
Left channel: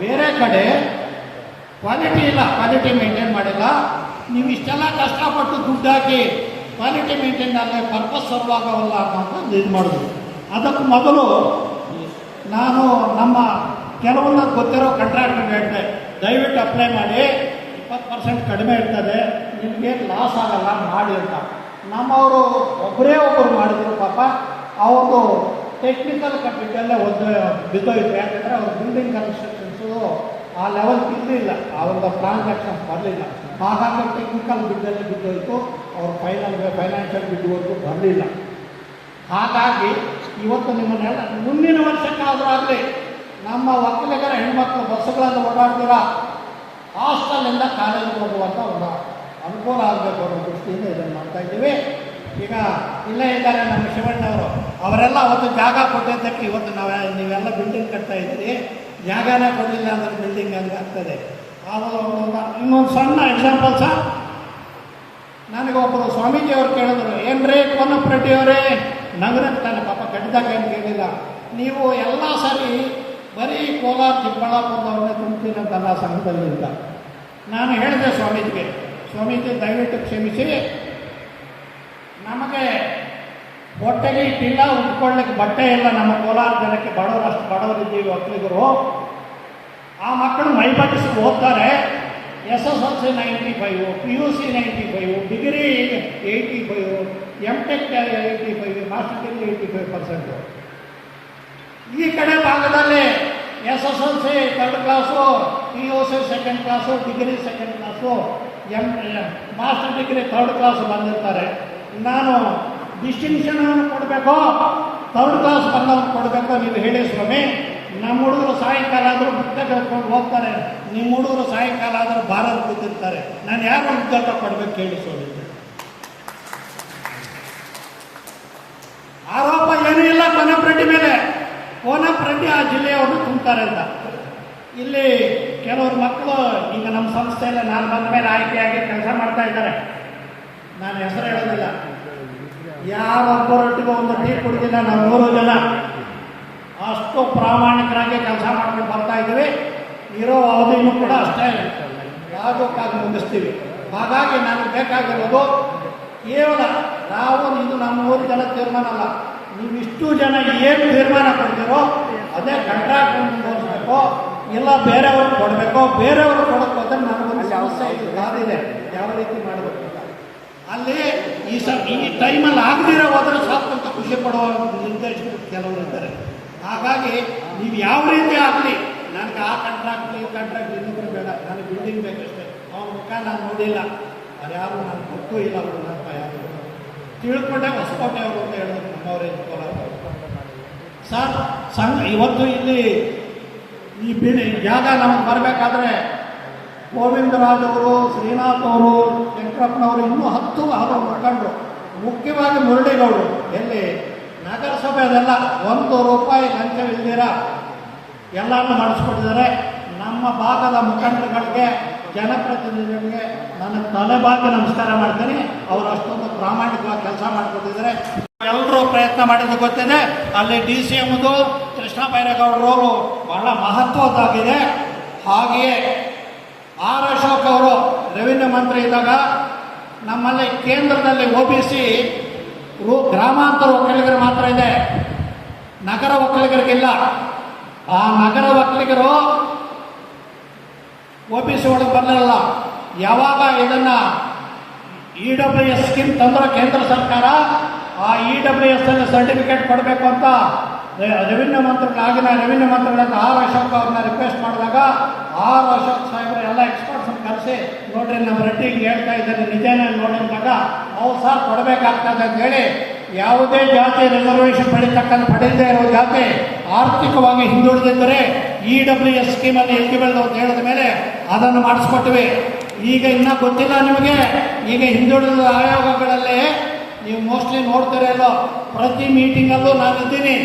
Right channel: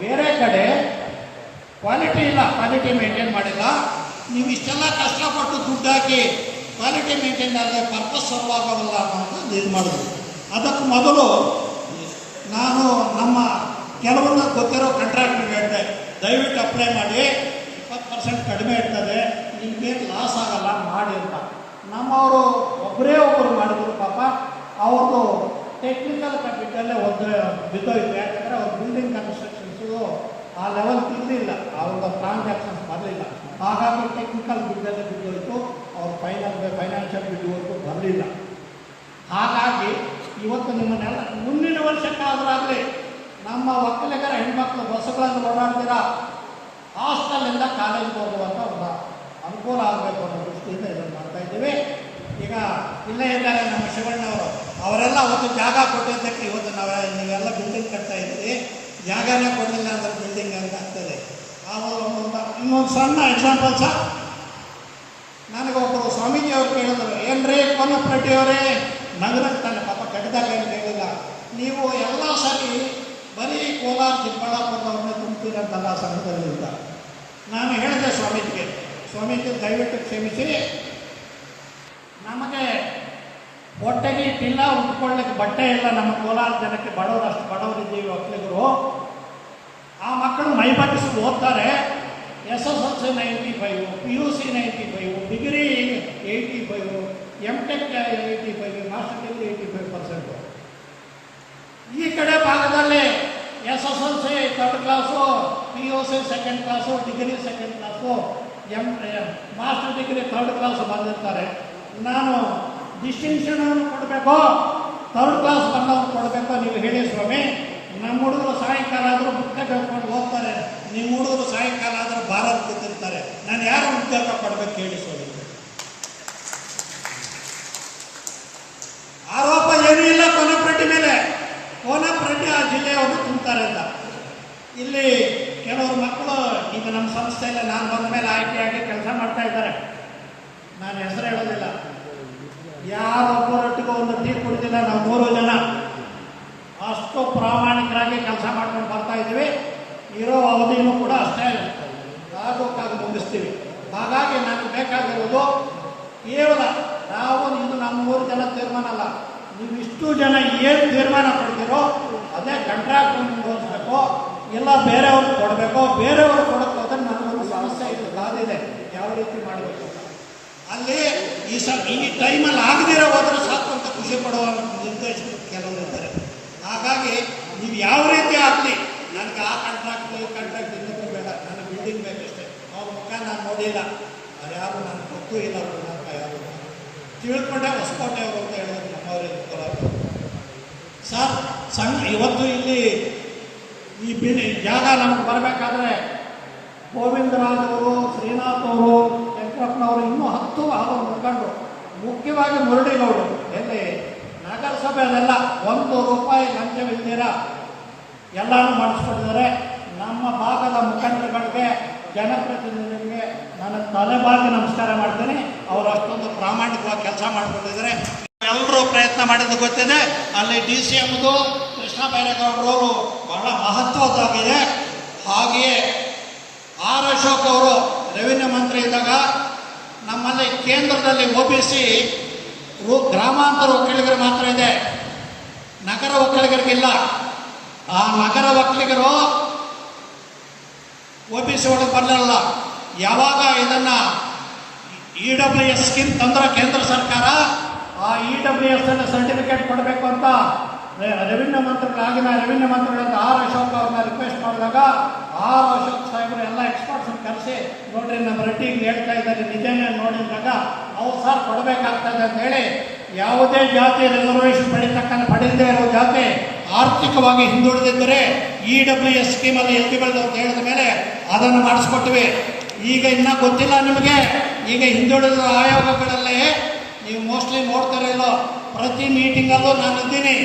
ಬೇರೆ ಕಡೆ ಕ್ವಾಲಿಟಿ ಇಲ್ಲ, ಕ್ವಾಲಿಟಿ ಮೇಂಟೈನ್ ಮಾಡಿಲ್ಲ. ನೀವು ಇಷ್ಟೆಲ್ಲ ಕಷ್ಟಪಟ್ಟು ದುಡ್ಡು ಹಾಕಿ ಕ್ವಾಲಿಟಿ ಮೇಂಟೈನ್ ಆದರೆ ಪರ್ಪಸ್ ಸರ್ವ್ ಆಗೋವಲ್ಲ ಅನ್ನೋದು ಇದು ಮಾಡಿದ್ವಿ. ಅದಕ್ಕೆ ಮೊದಲು ನಾನು ನಮ್ಮ ಕೆಲವೊಂದು ಗೊತ್ತಿರೋ ಕಾಂಟ್ರಾಕ್ಟರ್ಗೆ ಹೇಳಿದೆ, ದಯವಿಟ್ಟು ಅಪ್ಲೈ ಮಾಡಿ, 20% ಕಡಿಮೆ ಇರ್ತದೆ, ನಿಮಗೇನು ಲಾಸ್ ಆಗಲ್ಲ ಮಾಡಿ ಅಂತ. ನಮ್ಮವರು ಒಬ್ಬರೇ ಒಬ್ಬರು ಮಾಡಿದ್ರು. ಪಾಪ ಅವ್ರದ್ದು ಟೆಕ್ನಿಕಲ್ ಕಟ್ಟಿದ್ದಲ್ಲೇ ಒಂದು ಬಿದ್ದೋಯ್ತು. ಯಾಕಂದರೆ ಅವ್ರ ಬಿಲ್ಡಿಂಗ್ ಕನ್ಸ್ಟ್ರಕ್ಷನ್ಸು ಆ ಲೆವೆಲ್ಗೆ ಇರಲಿಲ್ಲ, ಆ ಒಂದು ಟ್ರಾನ್ಸಾಕ್ಷನ್ಸ್ ಬರಲಿಲ್ಲ. ಹಾಗಾಗಿ ಟೆಕ್ನಿಕಲ್ ಬಿದ್ದಲ್ಲೇ ಬಿದ್ದೋಯ್ತು, ಅವ್ರ ಫೈನಾನ್ಷಿಯಲ್ ಬಿದ್ದೋಯ್ತು ಬರಲಿಲ್ಲ. ಹಾಗಾಗಿ ಇವತ್ತು ನಿಮ್ಮನ್ನೆಲ್ಲ ಮುಂದಿನ ವರ್ಷಕ್ಕಾದರೂ ಆಗಲಿ ನಮ್ಮ ಒಕ್ಕಲಿಗರ ಹೆಣ್ಮಕ್ಳು ಬಸ್ಸುಗಳನ್ನು ಓಡಾಡ್ತೀರ ಹಾಸ್ಟೆಲಿಂದ ಕಾಲೇಜಿಗೆ ಹೋಗುವಂಥ ಒಂದು ಅನುಕೂಲ ಆಗಬೇಕು ಅನ್ನೋ ದೃಷ್ಟಿಯಿಂದ ಇದನ್ನು ಮಾಡ್ತಾ ಇದ್ದೀವಿ. ಈಗ ಇಲ್ಲೇ ಇದ್ದಾರೆ ನಮ್ಮ ಶಿವಣ್ಣವರು, ಅವರೆಲ್ಲ ಅವತ್ತು ಜಾಗ ಕೊಟ್ಟಿದ್ದಕ್ಕೆ ಇವತ್ತು ನೀವೆಲ್ಲ ಬಿಲ್ಡಿಂಗ್ ಕಟ್ತಾ ಇದ್ದೀರಿ. ಜಾಗನೇ ಕೊಡಲಿಲ್ಲ ಅಂದರೆ ಬಿಲ್ಡಿಂಗ್ ಹಂಗೆ ಆಗ್ತದೆ. ಇನ್ನೊಂದು ಸಣ್ಣ ಎಕ್ಸಾಂಪಲ್ ಸರ್, ನನಗೆ ಒಬ್ಬರು ಸ್ವಾಮೀಜಿ ಅವ್ರು ಕೇಳಿದ್ರು, ಏನ್ರಿ ಕೊನ್ನಪ್ರೆಡ್ಡಿಯವರೇ ನಗರಕ್ಕೆ ತಾನೆ ಪಾಪ ಕಟ್ಟಿದಾಗ ಏನು ಕೇಳಿಲ್ಲ, ನೀವು ಎಲ್ಲ ಸರಿ ಬರೀ ಕೋಲಾರ ಚಿಕ್ಕಬಳ್ಳಾಪುರದವ್ರನ್ನೇ ತುಂಬ್ತೀರಂತಲ್ಲ ಸಂಘದಲ್ಲಿ ಅಂತ. ನಾನು ಹೇಳಿದೆ ಸ್ವಾಮೀಜಿಗೆ, ಸ್ವಾಮೀಜಿ ದಯವಿಟ್ಟು ಕ್ಷಮಿಸಿ, ನಮಗೆ ಹೊಟ್ಟೆಗೆ ಇಟ್ಟಿಲ್ಲ, ಉಟ್ಕೊಳ್ಳಿಕ್ಕೆ ಬಟ್ಟೆ ಇಲ್ಲ. ನಮ್ಮ ಕೋಲಾರ ಜನಕ್ಕೆ ಬಡವರು, ಅಷ್ಟು ಬಡವರಿದ್ದೀವಿ ಒಕ್ಕಲಿಗರು. ಆ ಮಕ್ಕಳು ಮೈಬಟ್ಟಿಸಿ ಓದ್ತಾರೆ. SSLC 95, PUC 95, degree 85, MTech 85, master degree 85%. ಈ ಕಡೆ ಭಾಗದಲ್ಲಿ SSLC 3rd class, PUC 2nd class, degree 2nd class, master degree 3rd class ಬಂದಿರ್ತಾರೆ. ನಾನು ಡಿಸ್ಟಿಂಕ್ಷನ್ ಕೊಡಬೇಕು, 3rd ಕ್ಲಾಸ್ ಬಂದವ್ರು ಕೊಡಬೇಕು, ನೀವು ಹೇಳಿ ಸ್ವಾಮಿ. ನಮ್ಮ ಹುಡುಗರು ಸಾಯಂಕಾಲ ಆದರೂ ಪುಸ್ತಕ ಹೇಳ್ಕೊಂಡು ಹೋಗ್ತಾರೆ, ನಿಮ್ಮ ಹುಡುಗರು ಸಾಯಂಕಾಲ ಆದರೂ ಬಾರಲ್ಲಿ ಕೂತಿರ್ತಾರೆ. ನಾನು ಯಾರು ಉದ್ಯೋಗ ಕೊಡಬೇಕು ಹೇಳಿ ಸ್ವಾಮಿ. ಆರೋಪ ಏನೂ ಇಲ್ಲ ಕೊನ್ನಪ್ರೆಡ್ಡಿ ಮೇಲೆ. ಕೊನ್ನಪ್ರೆಡ್ಡಿ ಆ ಜಿಲ್ಲೆಯವರು ತುಂಬ್ತಾರೆ ಅಂತ. ಇಲ್ಲಿ ಕೆಲವರು ಮಕ್ಕಳು ಈಗ ನಮ್ಮ ಸಂಸ್ಥೆಯಲ್ಲಿ ನಾನು ಬಂದ ಮೇಲೆ ಆಯ್ಕೆಯಾಗಿ ಕೆಲಸ ಮಾಡ್ತಾ ಇದ್ದಾರೆ. ನಾನು ಹೆಸರು ಹೇಳೋದಿಲ್ಲ. ಯಾರೊಬ್ಬರೊಟ್ಟಿಗೆ ಒಂದು ಟೀ ಕುಡಿದಿಲ್ಲ ನಾವು 100 ಜನ. ಅಷ್ಟು ಪ್ರಾಮಾಣಿಕರಾಗಿ ಕೆಲಸ ಮಾಡ್ಕೊಂಡು ಬರ್ತಾ ಇದ್ದೀವಿ. ಇರೋ ಅವಧಿನೂ ಕೂಡ ಅಷ್ಟೇ ಯಾವುದಕ್ಕಾಗಿ ಮುಗಿಸ್ತೀವಿ. ಹಾಗಾಗಿ ನನಗೆ ಬೇಕಾಗಿರೋದು ಕೇವಲ ಇದು ನಮ್ಮ 100 ಜನ ತೀರ್ಮಾನ ಅಲ್ಲ, ನೀವು ಇಷ್ಟು ಜನ ಏನು ತೀರ್ಮಾನ ಕೊಡ್ತೀರೋ ಅದೇ ಕಾಂಟ್ರಾಕ್ಟ್ ಮುಂದುವರಿಸಬೇಕು, ಇಲ್ಲ ಬೇರೆಯವ್ರಿಗೆ ಕೊಡಬೇಕು. ಬೇರೆಯವ್ರಿಗೆ ಕೊಡೋಕೆ ಹೋದ್ರೆ ನಮಗೊಂದು ಸಮಸ್ಯೆ ಇದೆ, ಯಾವ ರೀತಿ ಮಾಡಬೇಕು ಅಂತ. ಅಲ್ಲಿ ಈ ಟೈಮಲ್ಲಿ ಆಗದಿರೋ ಹೋದ್ರೆ ಸಾಕು ಅಂತ ಖುಷಿ ಪಡುವ ನಿರ್ದೇಶಕರು ಕೆಲವರು ಇದ್ದಾರೆ. ಹಾಗಾಗಿ ನೀವು ಯಾವ ರೀತಿ ಆಗಲಿ, ನನಗೆ ಆ ಕಾಂಟ್ರಾಕ್ಟ್ ಇನ್ನೊಬ್ಬರು ಬೇಡ, ನನಗೆ ಬಿಲ್ಡಿಂಗ್ ಬೇಕಷ್ಟೇ. ಅವ್ರ ಮುಖ ನಾನು ನೋಡಿಲ್ಲ, ಅದು ಯಾರು ನನಗೆ ಗೊತ್ತೂ ಇಲ್ಲ. ಅವರು ನನ್ನ ಯಾರು ತಿಳ್ಕೊಂಡೆ ಹೊಸಕೋಟೆ ಅವರು ಅಂತ ಹೇಳಿದ್ರು ನಮ್ಮವರೇ ಸರ್. ಇವತ್ತು ಇಲ್ಲಿ ಈ ಜಾಗ ನಮಗೆ ಬರಬೇಕಾದ್ರೆ ಗೋವಿಂದರಾಜವರು, ಶ್ರೀನಾಥ್ ಅವರು, ಶಂಕರಪ್ಪನವರು, ಇನ್ನೂ 10 ಅವರು ಮುಖಂಡರು, ಮುಖ್ಯವಾಗಿ ಮುರಳಿಗೌಡರು, ಎಲ್ಲಿ ನಗರಸಭೆಯಲ್ಲೆಲ್ಲ ₹1 ಲಂಚವಿಲ್ದಿರ ಎಲ್ಲನೂ ಮಾಡಿಸ್ಕೊಟ್ಟಿದ್ದಾರೆ. ನಮ್ಮ ಭಾಗದ ಮುಖಂಡರುಗಳಿಗೆ, ಜನಪ್ರತಿನಿಧಿಗಳಿಗೆ ನಾನು ತಲೆಬಾಗಿ ನಮಸ್ಕಾರ ಮಾಡ್ತೀನಿ. ಅವರು ಅಷ್ಟೊಂದು ಪ್ರಾಮಾಣಿಕವಾಗಿ ಕೆಲಸ ಮಾಡಿಕೊಟ್ಟಿದ್ದಾರೆ. ಎಲ್ಲರೂ ಪ್ರಯತ್ನ ಮಾಡಿದ್ದು ಗೊತ್ತಿದೆ. ಅಲ್ಲಿ DCMದು ಕೃಷ್ಣ ಬೈರೇಗೌಡರು ಬಹಳ ಮಹತ್ವದ್ದಾಗಿದೆ. ಹಾಗೆಯೇ R. ಅಶೋಕ್ ಅವರು ರೆವಿನ್ಯೂ ಮಂತ್ರಿ ಇದ್ದಾಗ ನಮ್ಮಲ್ಲಿ ಕೇಂದ್ರದಲ್ಲಿ OBC ಗ್ರಾಮಾಂತರ ಒಕ್ಕಲಿಗರು ಮಾತ್ರ ಇದೆ, ನಗರ ಒಕ್ಕಲಿಗರಿಗಿಲ್ಲ. ಆ ನಗರ ಒಕ್ಕಲಿಗರು OBC ಒಳಗೆ ಬರಲಿಲ್ಲ. ಯಾವಾಗ ಇದನ್ನು EWS ಸ್ಕೀಮ್ ತಂದರೆ ಕೇಂದ್ರ ಸರ್ಕಾರ, ಆ EWS ಅಲ್ಲಿ ಸರ್ಟಿಫಿಕೇಟ್ ಕೊಡಬೇಕು ಅಂತ ರೆವಿನ್ಯೂ ಮಂತ್ರಿಗಳು, ಆಗಿನ ರೆವಿನ್ಯೂ ಮಂತ್ರಿಗಳಂತ R. ಅಶೋಕ್ ಅವ್ರನ್ನ ರಿಕ್ವೆಸ್ಟ್ ಮಾಡಿದಾಗ R. ಅಶೋಕ್ ಸಾಹೇಬರು ಎಲ್ಲ ಎಕ್ಸ್ಪರ್ಟ್ಸನ್ನು ಕರೆಸಿ, ನೋಡ್ರಿ ನಮ್ಮ ರೆಡ್ಡಿಗೆ ಹೇಳ್ತಾ ಇದ್ದಾರೆ ನಿಜಾನೇ ನೋಡಿದಾಗ ಅವ್ರು ಸರ್ ಕೊಡಬೇಕಾಗ್ತದೆ ಅಂತ ಹೇಳಿ, ಯಾವುದೇ ಜಾತಿ ರಿಸರ್ವೇಷನ್ ಪಡೆಯದೇ ಇರೋ ಜಾತಿ ಆರ್ಥಿಕವಾಗಿ ಹಿಂದುಳಿದಿದ್ದರೆ EWS ಸ್ಕೀಮಲ್ಲಿ ಎಲಿಜಿಬಲ್ ಅಂತ ಹೇಳಿದ ಮೇಲೆ ಅದನ್ನು ಮಾಡಿಸ್ಕೊಟ್ಟಿವಿ. ಈಗ ಇನ್ನೂ ಗೊತ್ತಿಲ್ಲ ನಿಮಗೆ, ಈಗ ಹಿಂದುಳಿದ ಆಯೋಗಗಳಲ್ಲಿ ನೀವು ಮೋಸ್ಟ್ಲಿ ನೋಡ್ತಿರಲ್ಲೋ, ಪ್ರತಿ ಮೀಟಿಂಗಲ್ಲೂ ನಾನಿದ್ದೀನಿ.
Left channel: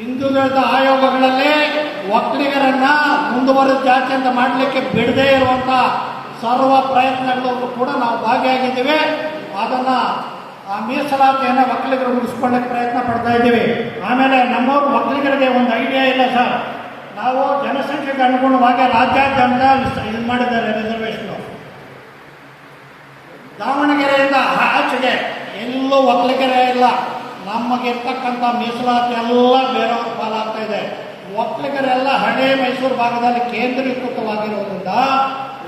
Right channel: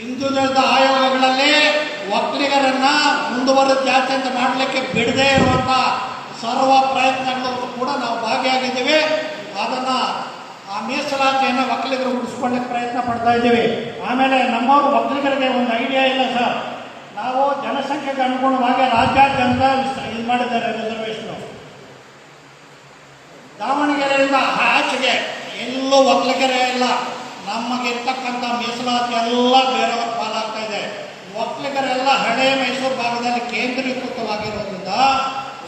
ಹಿಂದುಳಿದ ಆಯೋಗಗಳಲ್ಲಿ ಒಕ್ಕಲಿಗರನ್ನ ಮುಂದುವರೆದ ಜಾತಿ ಅಂತ ಮಾಡಲಿಕ್ಕೆ ಬಿಡದೇ ಇರುವಂಥ ಸರ್ವ ಪ್ರಯತ್ನಗಳು ಕೂಡ ನಾವು ಭಾಗಿಯಾಗಿದ್ದೀವಿ. ಅದನ್ನು ಆ ಮೀಸಲಾತಿಯನ್ನು ಒಕ್ಕಲಿಗರು ಉಳಿಸ್ಕೊಳ್ಳಿಕ್ಕೆ ಪ್ರಯತ್ನ ಪಡ್ತಾ ಇದ್ದೀವಿ. ಆಮೇಲೆ ನಮ್ಮವರು ಒಕ್ಕಲಿಗರಿಗೆ ಒಂದು ಐಡಿಯಾ ಇಲ್ಲ ಸರ್, ನಾವು ಜನಸಂಖ್ಯೆಗೆ ಅನುಗುಣವಾಗಿ ರಾಜ್ಯಾದ್ಯಂತ ಇದು ಮಾಡಿದ್ದಾರೆ ರಿಸರ್ವೇಷನ್. ದಾವಣಗೆರೆಯಿಂದ ಆಚೆಗೆ ಎಲ್ಲೂ ಒಕ್ಕಲಿಗರೇ ಇಲ್ಲ. ನಮಗಿರ್ತಕ್ಕಂಥ ಮೀಸಲಾತಿ ಎಲ್ಲ ಬೇರೆಯವ್ರ ಪಾಲಾಗ್ತಾ ಇದೆ. ಒಕ್ಕಲಿಗರೆಲ್ಲ ಹಳೆ ಮೈಸೂರು ಭಾಗದಲ್ಲಿ ಕೇಂದ್ರೀಕೃತವಾಗಿರೋದ್ರಿಂದ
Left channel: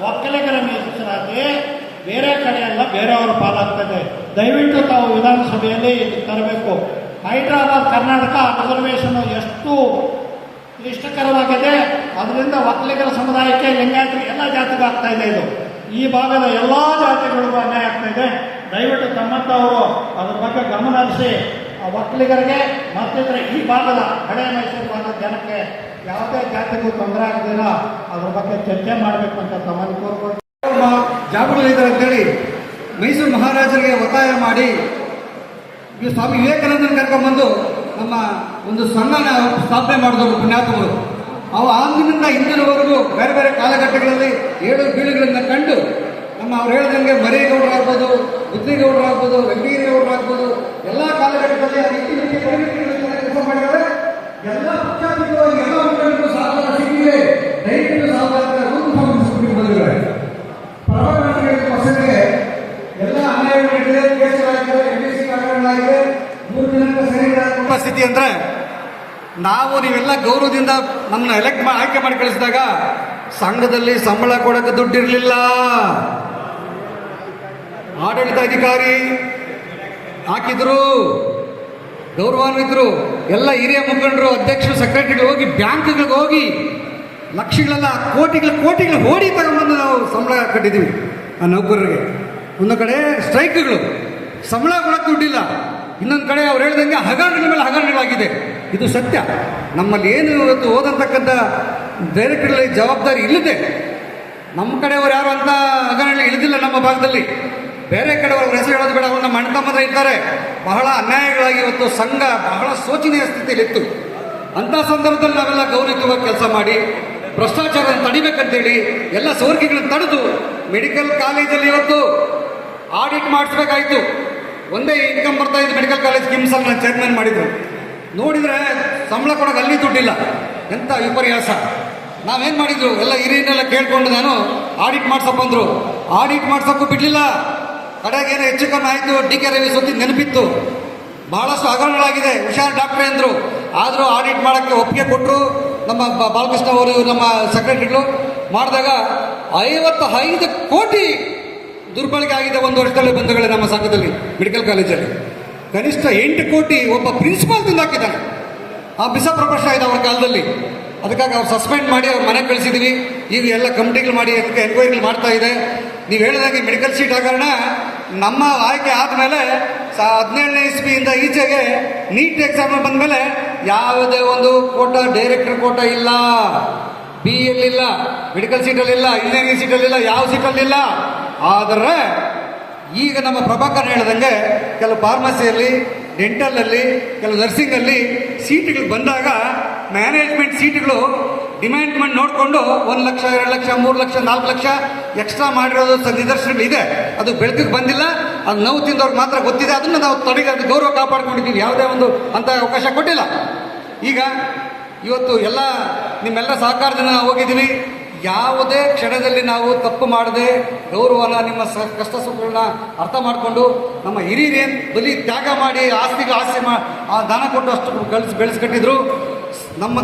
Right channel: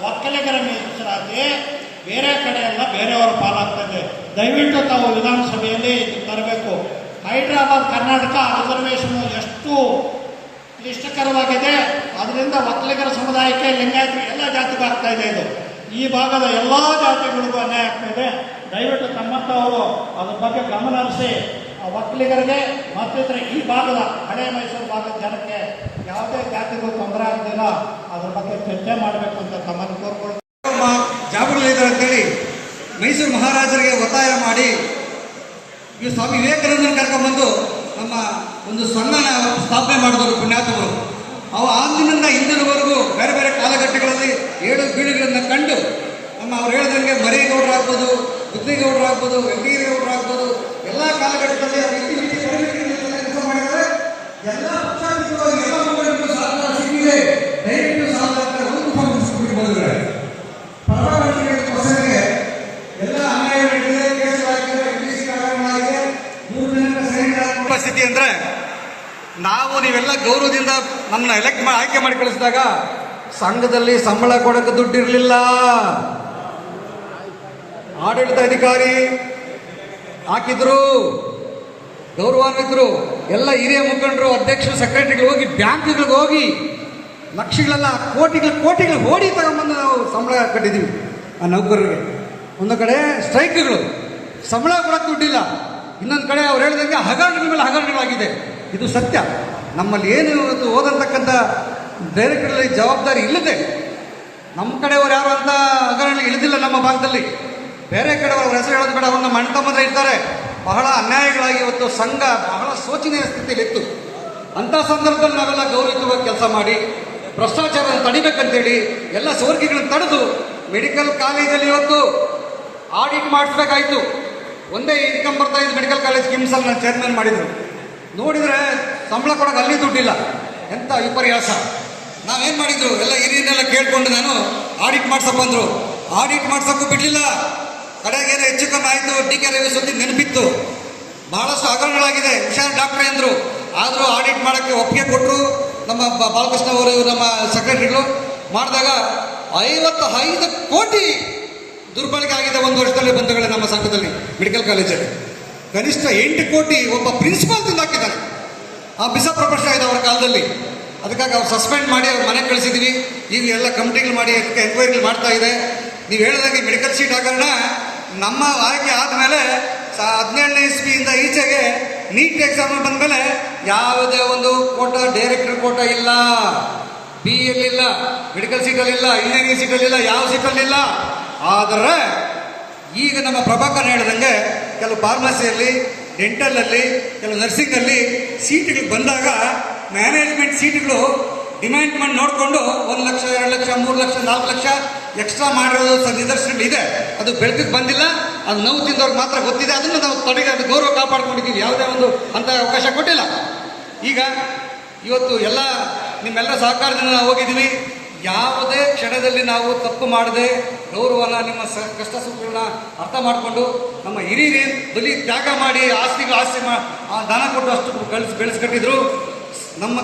ಒಕ್ಕಲಿಗರ ಮೀಸಲಾತಿ ಬೇರೆ ಕಡೆ ಎಲ್ಲ ಬೇರೆಯವ್ರ ಪಾಲಾಗ್ತದೆ. ದಯವಿಟ್ಟು ತಾವು ವಿಧಾನಸಭೆಯಲ್ಲಿ ಇದಕ್ಕೆ ತರಬೇಕು. ಹೈದರಾಬಾದ್ ಕರ್ನಾಟಕ ರಿಸರ್ವೇಷನ್ ಎಷ್ಟು ಕ್ಲಿಷ್ಟಕರವಾಗಿದೆ. ಅದರಿಂದ ಒಕ್ಕಲಿಗರ ಸಮುದಾಯಕ್ಕೆ, ಲಿಂಗಾಯತರಿಗೆ, ಎಲ್ಲ ಜಾತಿಗೂ ಆಗ್ತಾ ಇದೆ. ಇದು ಈ ಭಾಗದ ಎಲ್ಲ ಜಾತಿಗಳಿಗೂ ಅನ್ಯಾಯ ಆಗ್ತಾ ಇದೆ. ದಯವಿಟ್ಟು ತಮ್ಮಂಥವರು ಅದ್ರ ಬಗ್ಗೆ ಗಮನ ಹರಿಸಿ ಒಕ್ಕಲಿಗರಿಗೆ ಮತ್ತಿತರ ಈ ಭಾಗದ ಹಳೆ ಮೈಸೂರು ಭಾಗದ ಜನಕ್ಕೆ ಯಾವುದೇ ಜಾತಿಗೂ ತೊಂದರೆ ಆಗದಿಲ್ಲ ಅದ್ರ ಬಗ್ಗೆ ಚರ್ಚೆ ಮಾಡಬೇಕು ಅಂತ ತಮ್ಮನ್ನು ಕೋರ್ಬೋದು. ಜಾಗೃತಿ ಇದೆ ಅಂತೇಳಿ ಮೈಸೂರು ಮಹಾರಾಜರಿಗೆ ಒತ್ತಾಯ ಮಾಡಿ ಈ ಸ್ವಾಮಿ ವಿವೇಕಾನಂದನ ಕರ್ಕೊಂಡ್ಬಂದು ನಮ್ಮ ಒಂದು ಸಂಘನ ಸ್ಥಾಪನೆ ಮಾಡಿದವರು ಪುಣ್ಯಾತ್ಮಗಳು. ಅವು ಅಂದಿನಿಂದ ಇಂದಿನವರೆಗೂ ಬೇರೆ ಬೇರೆ ಕಾಲಘಟ್ಟಗಳಲ್ಲಿ ಏಳು ಬೀಳುಗಳನ್ನು ಕಂಡು ನಮ್ಮ ಅವ್ರು ಹೇಳಿದಂಗೆ ಮರೇಗೌಡರಾಗ್ಬೋದು, ಬುದ್ಧಿಗೌಡರಾಗ್ಬೋದು, ವೆಂಕಟೇಗೌಡರಾಗ್ಬೋದು, ಎಲ್ಲ ಕಾಲಘಟ್ಟದಲ್ಲಿ ಕೆಲಸ ಮಾಡಿದ್ದಾರೆ. ಎಲ್ಲ ಪಕ್ಷಾತೀತವಾಗಿ ಎಲ್ಲ ಮುಖಂಡರು ಸಹಕಾರ ಸಿಕ್ಕಿದೆ. ದಯವಿಟ್ಟು ಸಹಕಾರ ಬಂದಿದ್ದಾರೆ. ಪರವಾಗಿ ಎಲ್ಲ ಅನ್ಯಾಯಗಳಿದೆ, ಕೇಸುಗಳಾಗಿದೆ, ಎಂಡಿಸಿ ಕಾರಣಗಳಾಗಿದೆ. 3 ದಿನಗಳ ಸೈನಿಕರ ಸ್ಥಿತಿ ಅಂದ್ರೆ ನಾವು ನೀವೆಲ್ಲ ಗೌರವದಿಂದ ನಮ್ಮನ್ನ ಆಯ್ಕೆ ಮಾಡಿ ಕಳಿಸಿದಾಗ ಸಂಘದಲ್ಲಿ ಸಂಬಳ ಕೊಡಕ್ಕೆ ದುಡ್ಡಿರಲಿಲ್ಲ. ಆಡಳಿತ ಅಧಿಕಾರಿ ಹಾಕಿದ್ರು, ಗೌರವಾನ್ವಿತರು, ಎಲ್ಲ ಹಿರಿಯ ಮುಖಂಡರು, ಅಧ್ಯಕ್ಷರು, ಸೆಕ್ರೆಟರಿಗಳು ಹೋಗಿ ಬ್ಯಾಂಕ್ಗಳಿಗೆ ಹೋಗಿ ಲಕ್ಷಗಳೆಲ್ಲ ಕೋಟಿಗಳು ಓಡಿ ತಗೊಂಡ್ಬಂದು ನಾವು ಸಂಬಳ ಕಟ್ಟಿದ್ದೀವಿ ಆ ನೌಕರರಿಗೆ. ಒಂದು ಕಡೆ ಸ್ಟ್ರೈಕ್ಗಳು, ಸಂಬಳ ಕೊಡಕ್ಕೆ ದುಡ್ಡಿಲ್ಲ. ಇನ್ನೊಂದು ಕಡೆ ಅವ್ರು ಹೇಳ್ದಂಗೆ ಹಗರಣಗಳ ಮೇಲೆ ಹಗರಣಗಳಾಗಿದೆ. ಇದು ಸತ್ಯ. ನಮ್ಮಲ್ಲಿ ಏನು ಇವತ್ತು ಓದಂತಕ್ಕಂಥ ಡೈರೆಕ್ಟರ್ಗಳಲ್ಲಿ ಜವಾಬ್ದಾರಿ ಇಲ್ಲದೆ ನಮ್ಮ ಕಡೆಯವರು ಯಾರು ಅಂತ ಹಗರಣ ಇಳಿದಿಲ್ಲ. ನಮ್ಮ ಭಾಗದಲ್ಲಿ ಬೇರೆ ಕಡೆಯವರು ಹೆಸರು ಹೇಳೋದು ಬೇಡ, ಅವನ್ನ ಮಣ್ತಮ್ಮದ ಇದ್ದಾರೆ. ಬಹಳ ಅನ್ಯಾಯಗಳಾಗಿ ಇವತ್ತು ಸಂಘ ಬಹಳ ಶೋಚನೀಯ ಸ್ಥಿತಿಯಲ್ಲಿತ್ತು. ಅಂಥ ಸಂದರ್ಭದಲ್ಲಿ ನಾವೆಲ್ಲ ಗೌರವಯುತವಾಗಿ ಕೆಲಸ ಮಾಡಿ ಭ್ರಷ್ಟಾಚಾರ ತಡಿಬೇಕಂತೇಳಿ ಎಲ್ಲ ಸೋರಿಕೆಗಳನ್ನು ತಡೆದು ಮೆಡಿಕಲ್ ಕಾಲೇಜಲ್ಲಿ ಇವತ್ತು ಆಡಿಟ್ ಮಾಡಿಸ್ಬೇಕಾಯ್ತು. ಒಂದೇ ಇನ್ಕಮ್ ಬರ್ತಾ ಇದ್ದು ಮೆಡಿಕಲ್ ಕಾಲೇಜ್ ಕಿಮ್ಸಲ್ಲಿ ನಾನು ಚೇರ್ಮನ್ ಮಾಡಿದ್ರು. ನೋಡಿದರೆ ಸಂಬಳ ಕೊಡೋಕೆ ಅಲ್ಲಿ ದುಡ್ಡಿಲ್ಲ. ಎಂಥ ವಿಪರ್ಯಾಸ. ನಾವೇನು ಮಾಡಿದ್ರು, ಎಲ್ಲ ಹಿರಿಯನ್ನೆಲ್ಲ ಕೇಳ್ಕೊಂಡು ನಾನು ಆಡಿಟ್ ಮಾಡ್ಸಪ್ಪ ಅಂದರು. ಆಡಿಟ್ ಮಾಡ್ಸೋಕ್ಕೂ ಬಿಡಲಿಲ್ಲ. ಕಡೆಗೇನೋ ಹೆಚ್ಚು ಕಮ್ಮಿ ಆಯಿತು. ಡಿ.ಕೆ. ರವಿ ಸೊತ್ತಿ ನೆನಪಿತ್ತು. ಬಹಳಷ್ಟು ಹಗರಣಗಳಾಗಿದೆ, ಹುಷಾರ್ ಡಾಕ್ಟ್ರೇ ಅಂದರು. ಆದರೂ ಆಡಿಟ್ ಮಾಡೋಕ್ಕೆ ಒಪ್ಪಿಗೆ ಕೊಟ್ಟರು. ನಮ್ಮ ಬಾಲಕೃಷ್ಣ ಅವರು, ನಮ್ಮ ಸೆಕ್ರೆಟರಿಗಳು ಮಾಡಿದಾಗ 55 ಕೋಟಿ ದುರ್ಬಳಕೆ ಆಗಿದೆ ಒಂದು ವರ್ಷದಲ್ಲಿ ಬಂಧುಗಳೇ. ನಮ್ಮ ಸಂಘದಲ್ಲಿ ಮೆಡಿಕಲ್ ಕಾಲೇಜಲ್ಲಿ ಕನಿಷ್ಠ 8 ಕೋಟಿ ಒಬ್ಬ ಪ್ರಿನ್ಸಿಪಾಲ್ ತಿಂದಾಕಿದ್ದಾನೆ. ಆ ಪ್ರಶ್ನೆ ಆಗಿದೆ ಅವರ ಕಾಲದಲ್ಲಿ. ಅದಕ್ಕಾಗಿ ಅವ್ರು ಸಸ್ಪೆಂಡ್ ಮಾಡಿ ಅವ್ರ ಮನೆಗೆ ಕಳಿಸಿದ್ದೀವಿ. ಈಗ ಎಲ್ಲ ಕಮಿಟಿಗಳು ಮಾಡಿ ಎನ್ಕ್ವೈರಿಗಳು ಮಾಡ್ತಾ ಇದೆ. ನೀವು ಹೇಳಿದಾಗೆ ಮೆಡಿಕಲ್ ಸೀಟ್ ಹಗರಣ ನಮ್ಮ ಆಯ್ಕೆ ಆದಮೇಲೆ 17ನೇ ಇಸ್ವಿಯಿಂದ ಈಚೆಗೆ ನೀಟ್ ಎಕ್ಸಾಮ್ ಬಂದಮೇಲೆ ಯಾವುದೇ ಒಂದು ಕೋಟಾ, ಡೈರೆಕ್ಟರ್ ಕೋಟಾ ಇಲ್ಲ, ಬಿ ಇರಲಿಲ್ಲ, ಮೆಡಿಕಲ್ ಸೀಟಲ್ಲಿಲ್ಲ, ಇಂಜಿನಿಯರಿಂಗ್ ಸೀಟಲ್ಲಿಲ್ಲ, ಯಾವ ಸೀಟಲ್ಲಿಲ್ಲ. ಆದರೆ ಈಗ ನಮ್ಮ ಪ್ರಭಾಕರ್ ಹೇಳಿದಂಗೆ ಕೆಲವು ಫಾರ್ಮಸಿಯಲ್ಲಿ, ಡೆಂಟಲಲ್ಲಿ, ಕೆಲವು ನರ್ಸಿಂಗಲ್ಲಿ ಸೀಟ್ಗಳು ಬಂದಾಗ ಮ್ಯಾನೇಜ್ಮೆಂಟ್ ಸೀಟ್ಗಳು ಡಿಮ್ಯಾಂಡ್ ಮಾಡಿ ನೋಡಿಕೊಂಡು 1 ಲಕ್ಷ, 2 ಲಕ್ಷ, 3 ಲಕ್ಷ, 4 ಲಕ್ಷ ಎಕ್ಸ್ಟ್ರಾ ಮಾಡಿರೋದು ನಿದರ್ಶನಗಳಿದೆ. ಅದು ಬೆಳಕಿಗೆ ಬಂದಿಲ್ಲ. ಅದು ನೋವು ತಿಂದವ್ರಿಗೆ ಮಾತ್ರ ಗೊತ್ತಿದೆ. ಅದನ್ನು ನಾವು ಅದು ಗೌರವ ಕಾಪಾಡ್ಕೊಂಡಿದ್ದೀವಿ. ಯಾವುದೇ ಒಂದು ಅಂತ ಅವಕಾಶ ಕೊಟ್ಟಿಲ್ಲ. ಈಗ ಇವತ್ತು ಎಲ್ಲ ನಿಮ್ಮೆಲ್ಲ ಸಹಕಾರದಿಂದ ನಾವು ಹೋಗಿದ್ದೀವಿ. ಯಾವುದೇ ಕ್ಷಣದಲ್ಲಿ ನಾವು ತಪ್ಪು ಮಾಡದೆ ಗೌರವನ, ನಿಮ್ಮ ಕಷ್ಟ ಸುಖಗಳನ್ನ ಅರ್ಥ ಮಾಡಿಕೊಂಡು ನಮ್ಮ ಹಿರಿಯರೇನು ಬಲಿ ತ್ಯಾಗ ಮಾಡಿ ಆಸ್ತಿ ದಾನ ಕೊಟ್ಟು ಅಷ್ಟು ಬೆಳೆಸ್ಕಟ್ಟಿದ್ರು. ನಮ್ಮ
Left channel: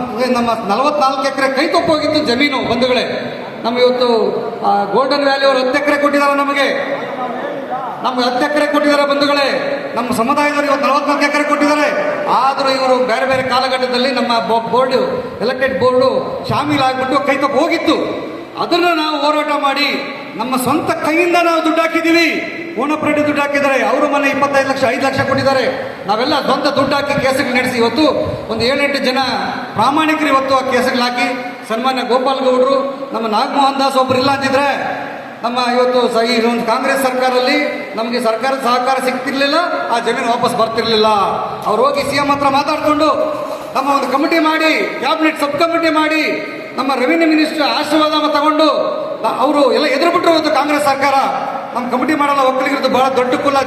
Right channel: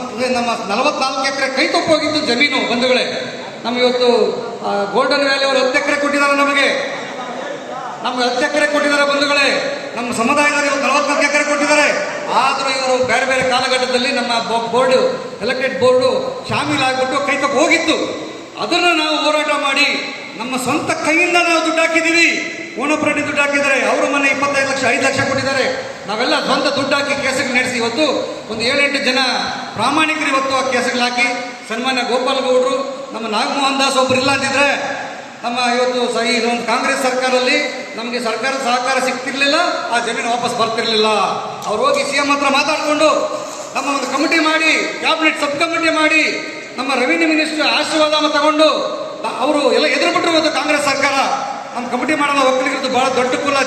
44 ಎಕರೆ ಕೈ ತಪ್ಪೋಗಿತ್ತು ಜಮೀನು ಬಂಧುಗಳೇ. ನಮ್ಗೆ ಇವತ್ತು ಗೋಲ್ಡನ್ ವ್ಯಾಲಿ ಅವರು 10 ಎಕರೆ ಕೊಟ್ಟಿದ್ದಾರೆ. ನಮ್ಗೆ 10 ಎಕರೆ ಕೊಟ್ಟಿದ್ದಾರೆ ಬಂಧುಗಳೇ. ನಮ್ಮ ಸಮುದಾಯದಲ್ಲಿ 44 ಎಕರೆ ಕೊಟ್ಟಿದ್ದಾರೆ. ಆದರೂ ಇವರು ಬೇರೆ ಬೇರೆ ಕಾಲಘಟ್ಟದಲ್ಲಿ ನಮ್ಮ ಬೋರ್ಡು, ಎಲೆಕ್ಟೆಡ್ ಬೋರ್ಡು ಶಾಮೀಲಾಗ್ಬಿಟ್ಟು ಕೈ ತಪ್ಪು ಹೋಗಿತ್ತು. ಅದನ್ನು ನಾವು ಹೋರಾಟ ಮಾಡಿ ನಮ್ಮ ಸ್ವಂತ ಕೈಯಿಂದ ನಾವು ದುಡ್ಡು ಹಾಕಿದ್ದೀವಿ. ಓಣಪ್ರೆಡ್ಡಿ ದುಡ್ಡು ಹಾಕಿದ್ದಾರೆ. ಅವರು ಮೊನ್ನೆ 25 ಲಕ್ಷ, 5 ಲಕ್ಷ ಕೊಟ್ಟಿದ್ದಾರೆ. ನಾವೆಲ್ಲ ಸ್ವಂತ ದುಡ್ಡು ಹಾಕಿ ಕೇಸುಗಳು ನಡೆಸಿ ಇವತ್ತು ಒಂದು 7-8 ಜನ ಪ್ರಾಮಾಣಿಕರು ಇವತ್ತು ಆ ಕೇಸುಗಳು ಹಾಕಿ ಸನ್ಮಾನ್ಯ ಗೋಪಾಲ್ ಗೌಡರು, ನಮ್ಮ ನಾಗಮೋಹನ್ ದಾಸ್ ಒಬ್ರು ಇಲ್ಲ ಅಂತಿದ್ರೆ ನಮ್ಮ ಇವತ್ತು ಈ ಒಂದು ಕಾಂಗ್ರೆಸ್ ಸರ್ಕಾರದಲ್ಲಿ ನಮಗೆ ಸರ್ಕಾರದ ಸಹಕಾರ ಸಿಗ್ತಿರ್ಲಿಲ್ಲ, ಆ ಜಮೀನು ವಾಪಸ್ ಬರ್ತಿರ್ಲಿಲ್ಲ. ಅವ್ರು ಹೋಗಿ CM ಹತ್ರ ಮಾತಾಡಿಕೊಂಡು ನಮ್ಮ ಒಂದು ಕಮಿಟಿ ಮಾಡಿ, ಕ್ಯಾಬಿನೆಟ್ ಸಬ್ ಕಮಿಟಿ ಮಾಡಿ, ನಮ್ಮ ರೆವಿನ್ಯೂ ಮಿನಿಸ್ಟರ್ ಆಶೀರ್ವಾದ ತಗೊಂಡು ಅವರು ಎಲ್ಲ ಎದುರು ಬಿಟ್ಟರು. ಇವತ್ತು ಕಾಂಗ್ರೆಸ್ ಸರ್ಕಾರ ನಮ್ಮ ಕಮಿಟಿ ಮಾಡಲ್ಲ, ಒಕ್ಕಲಿಗರದ್ದು ಬಹಳ ದೊಡ್ಡ ಕುಲ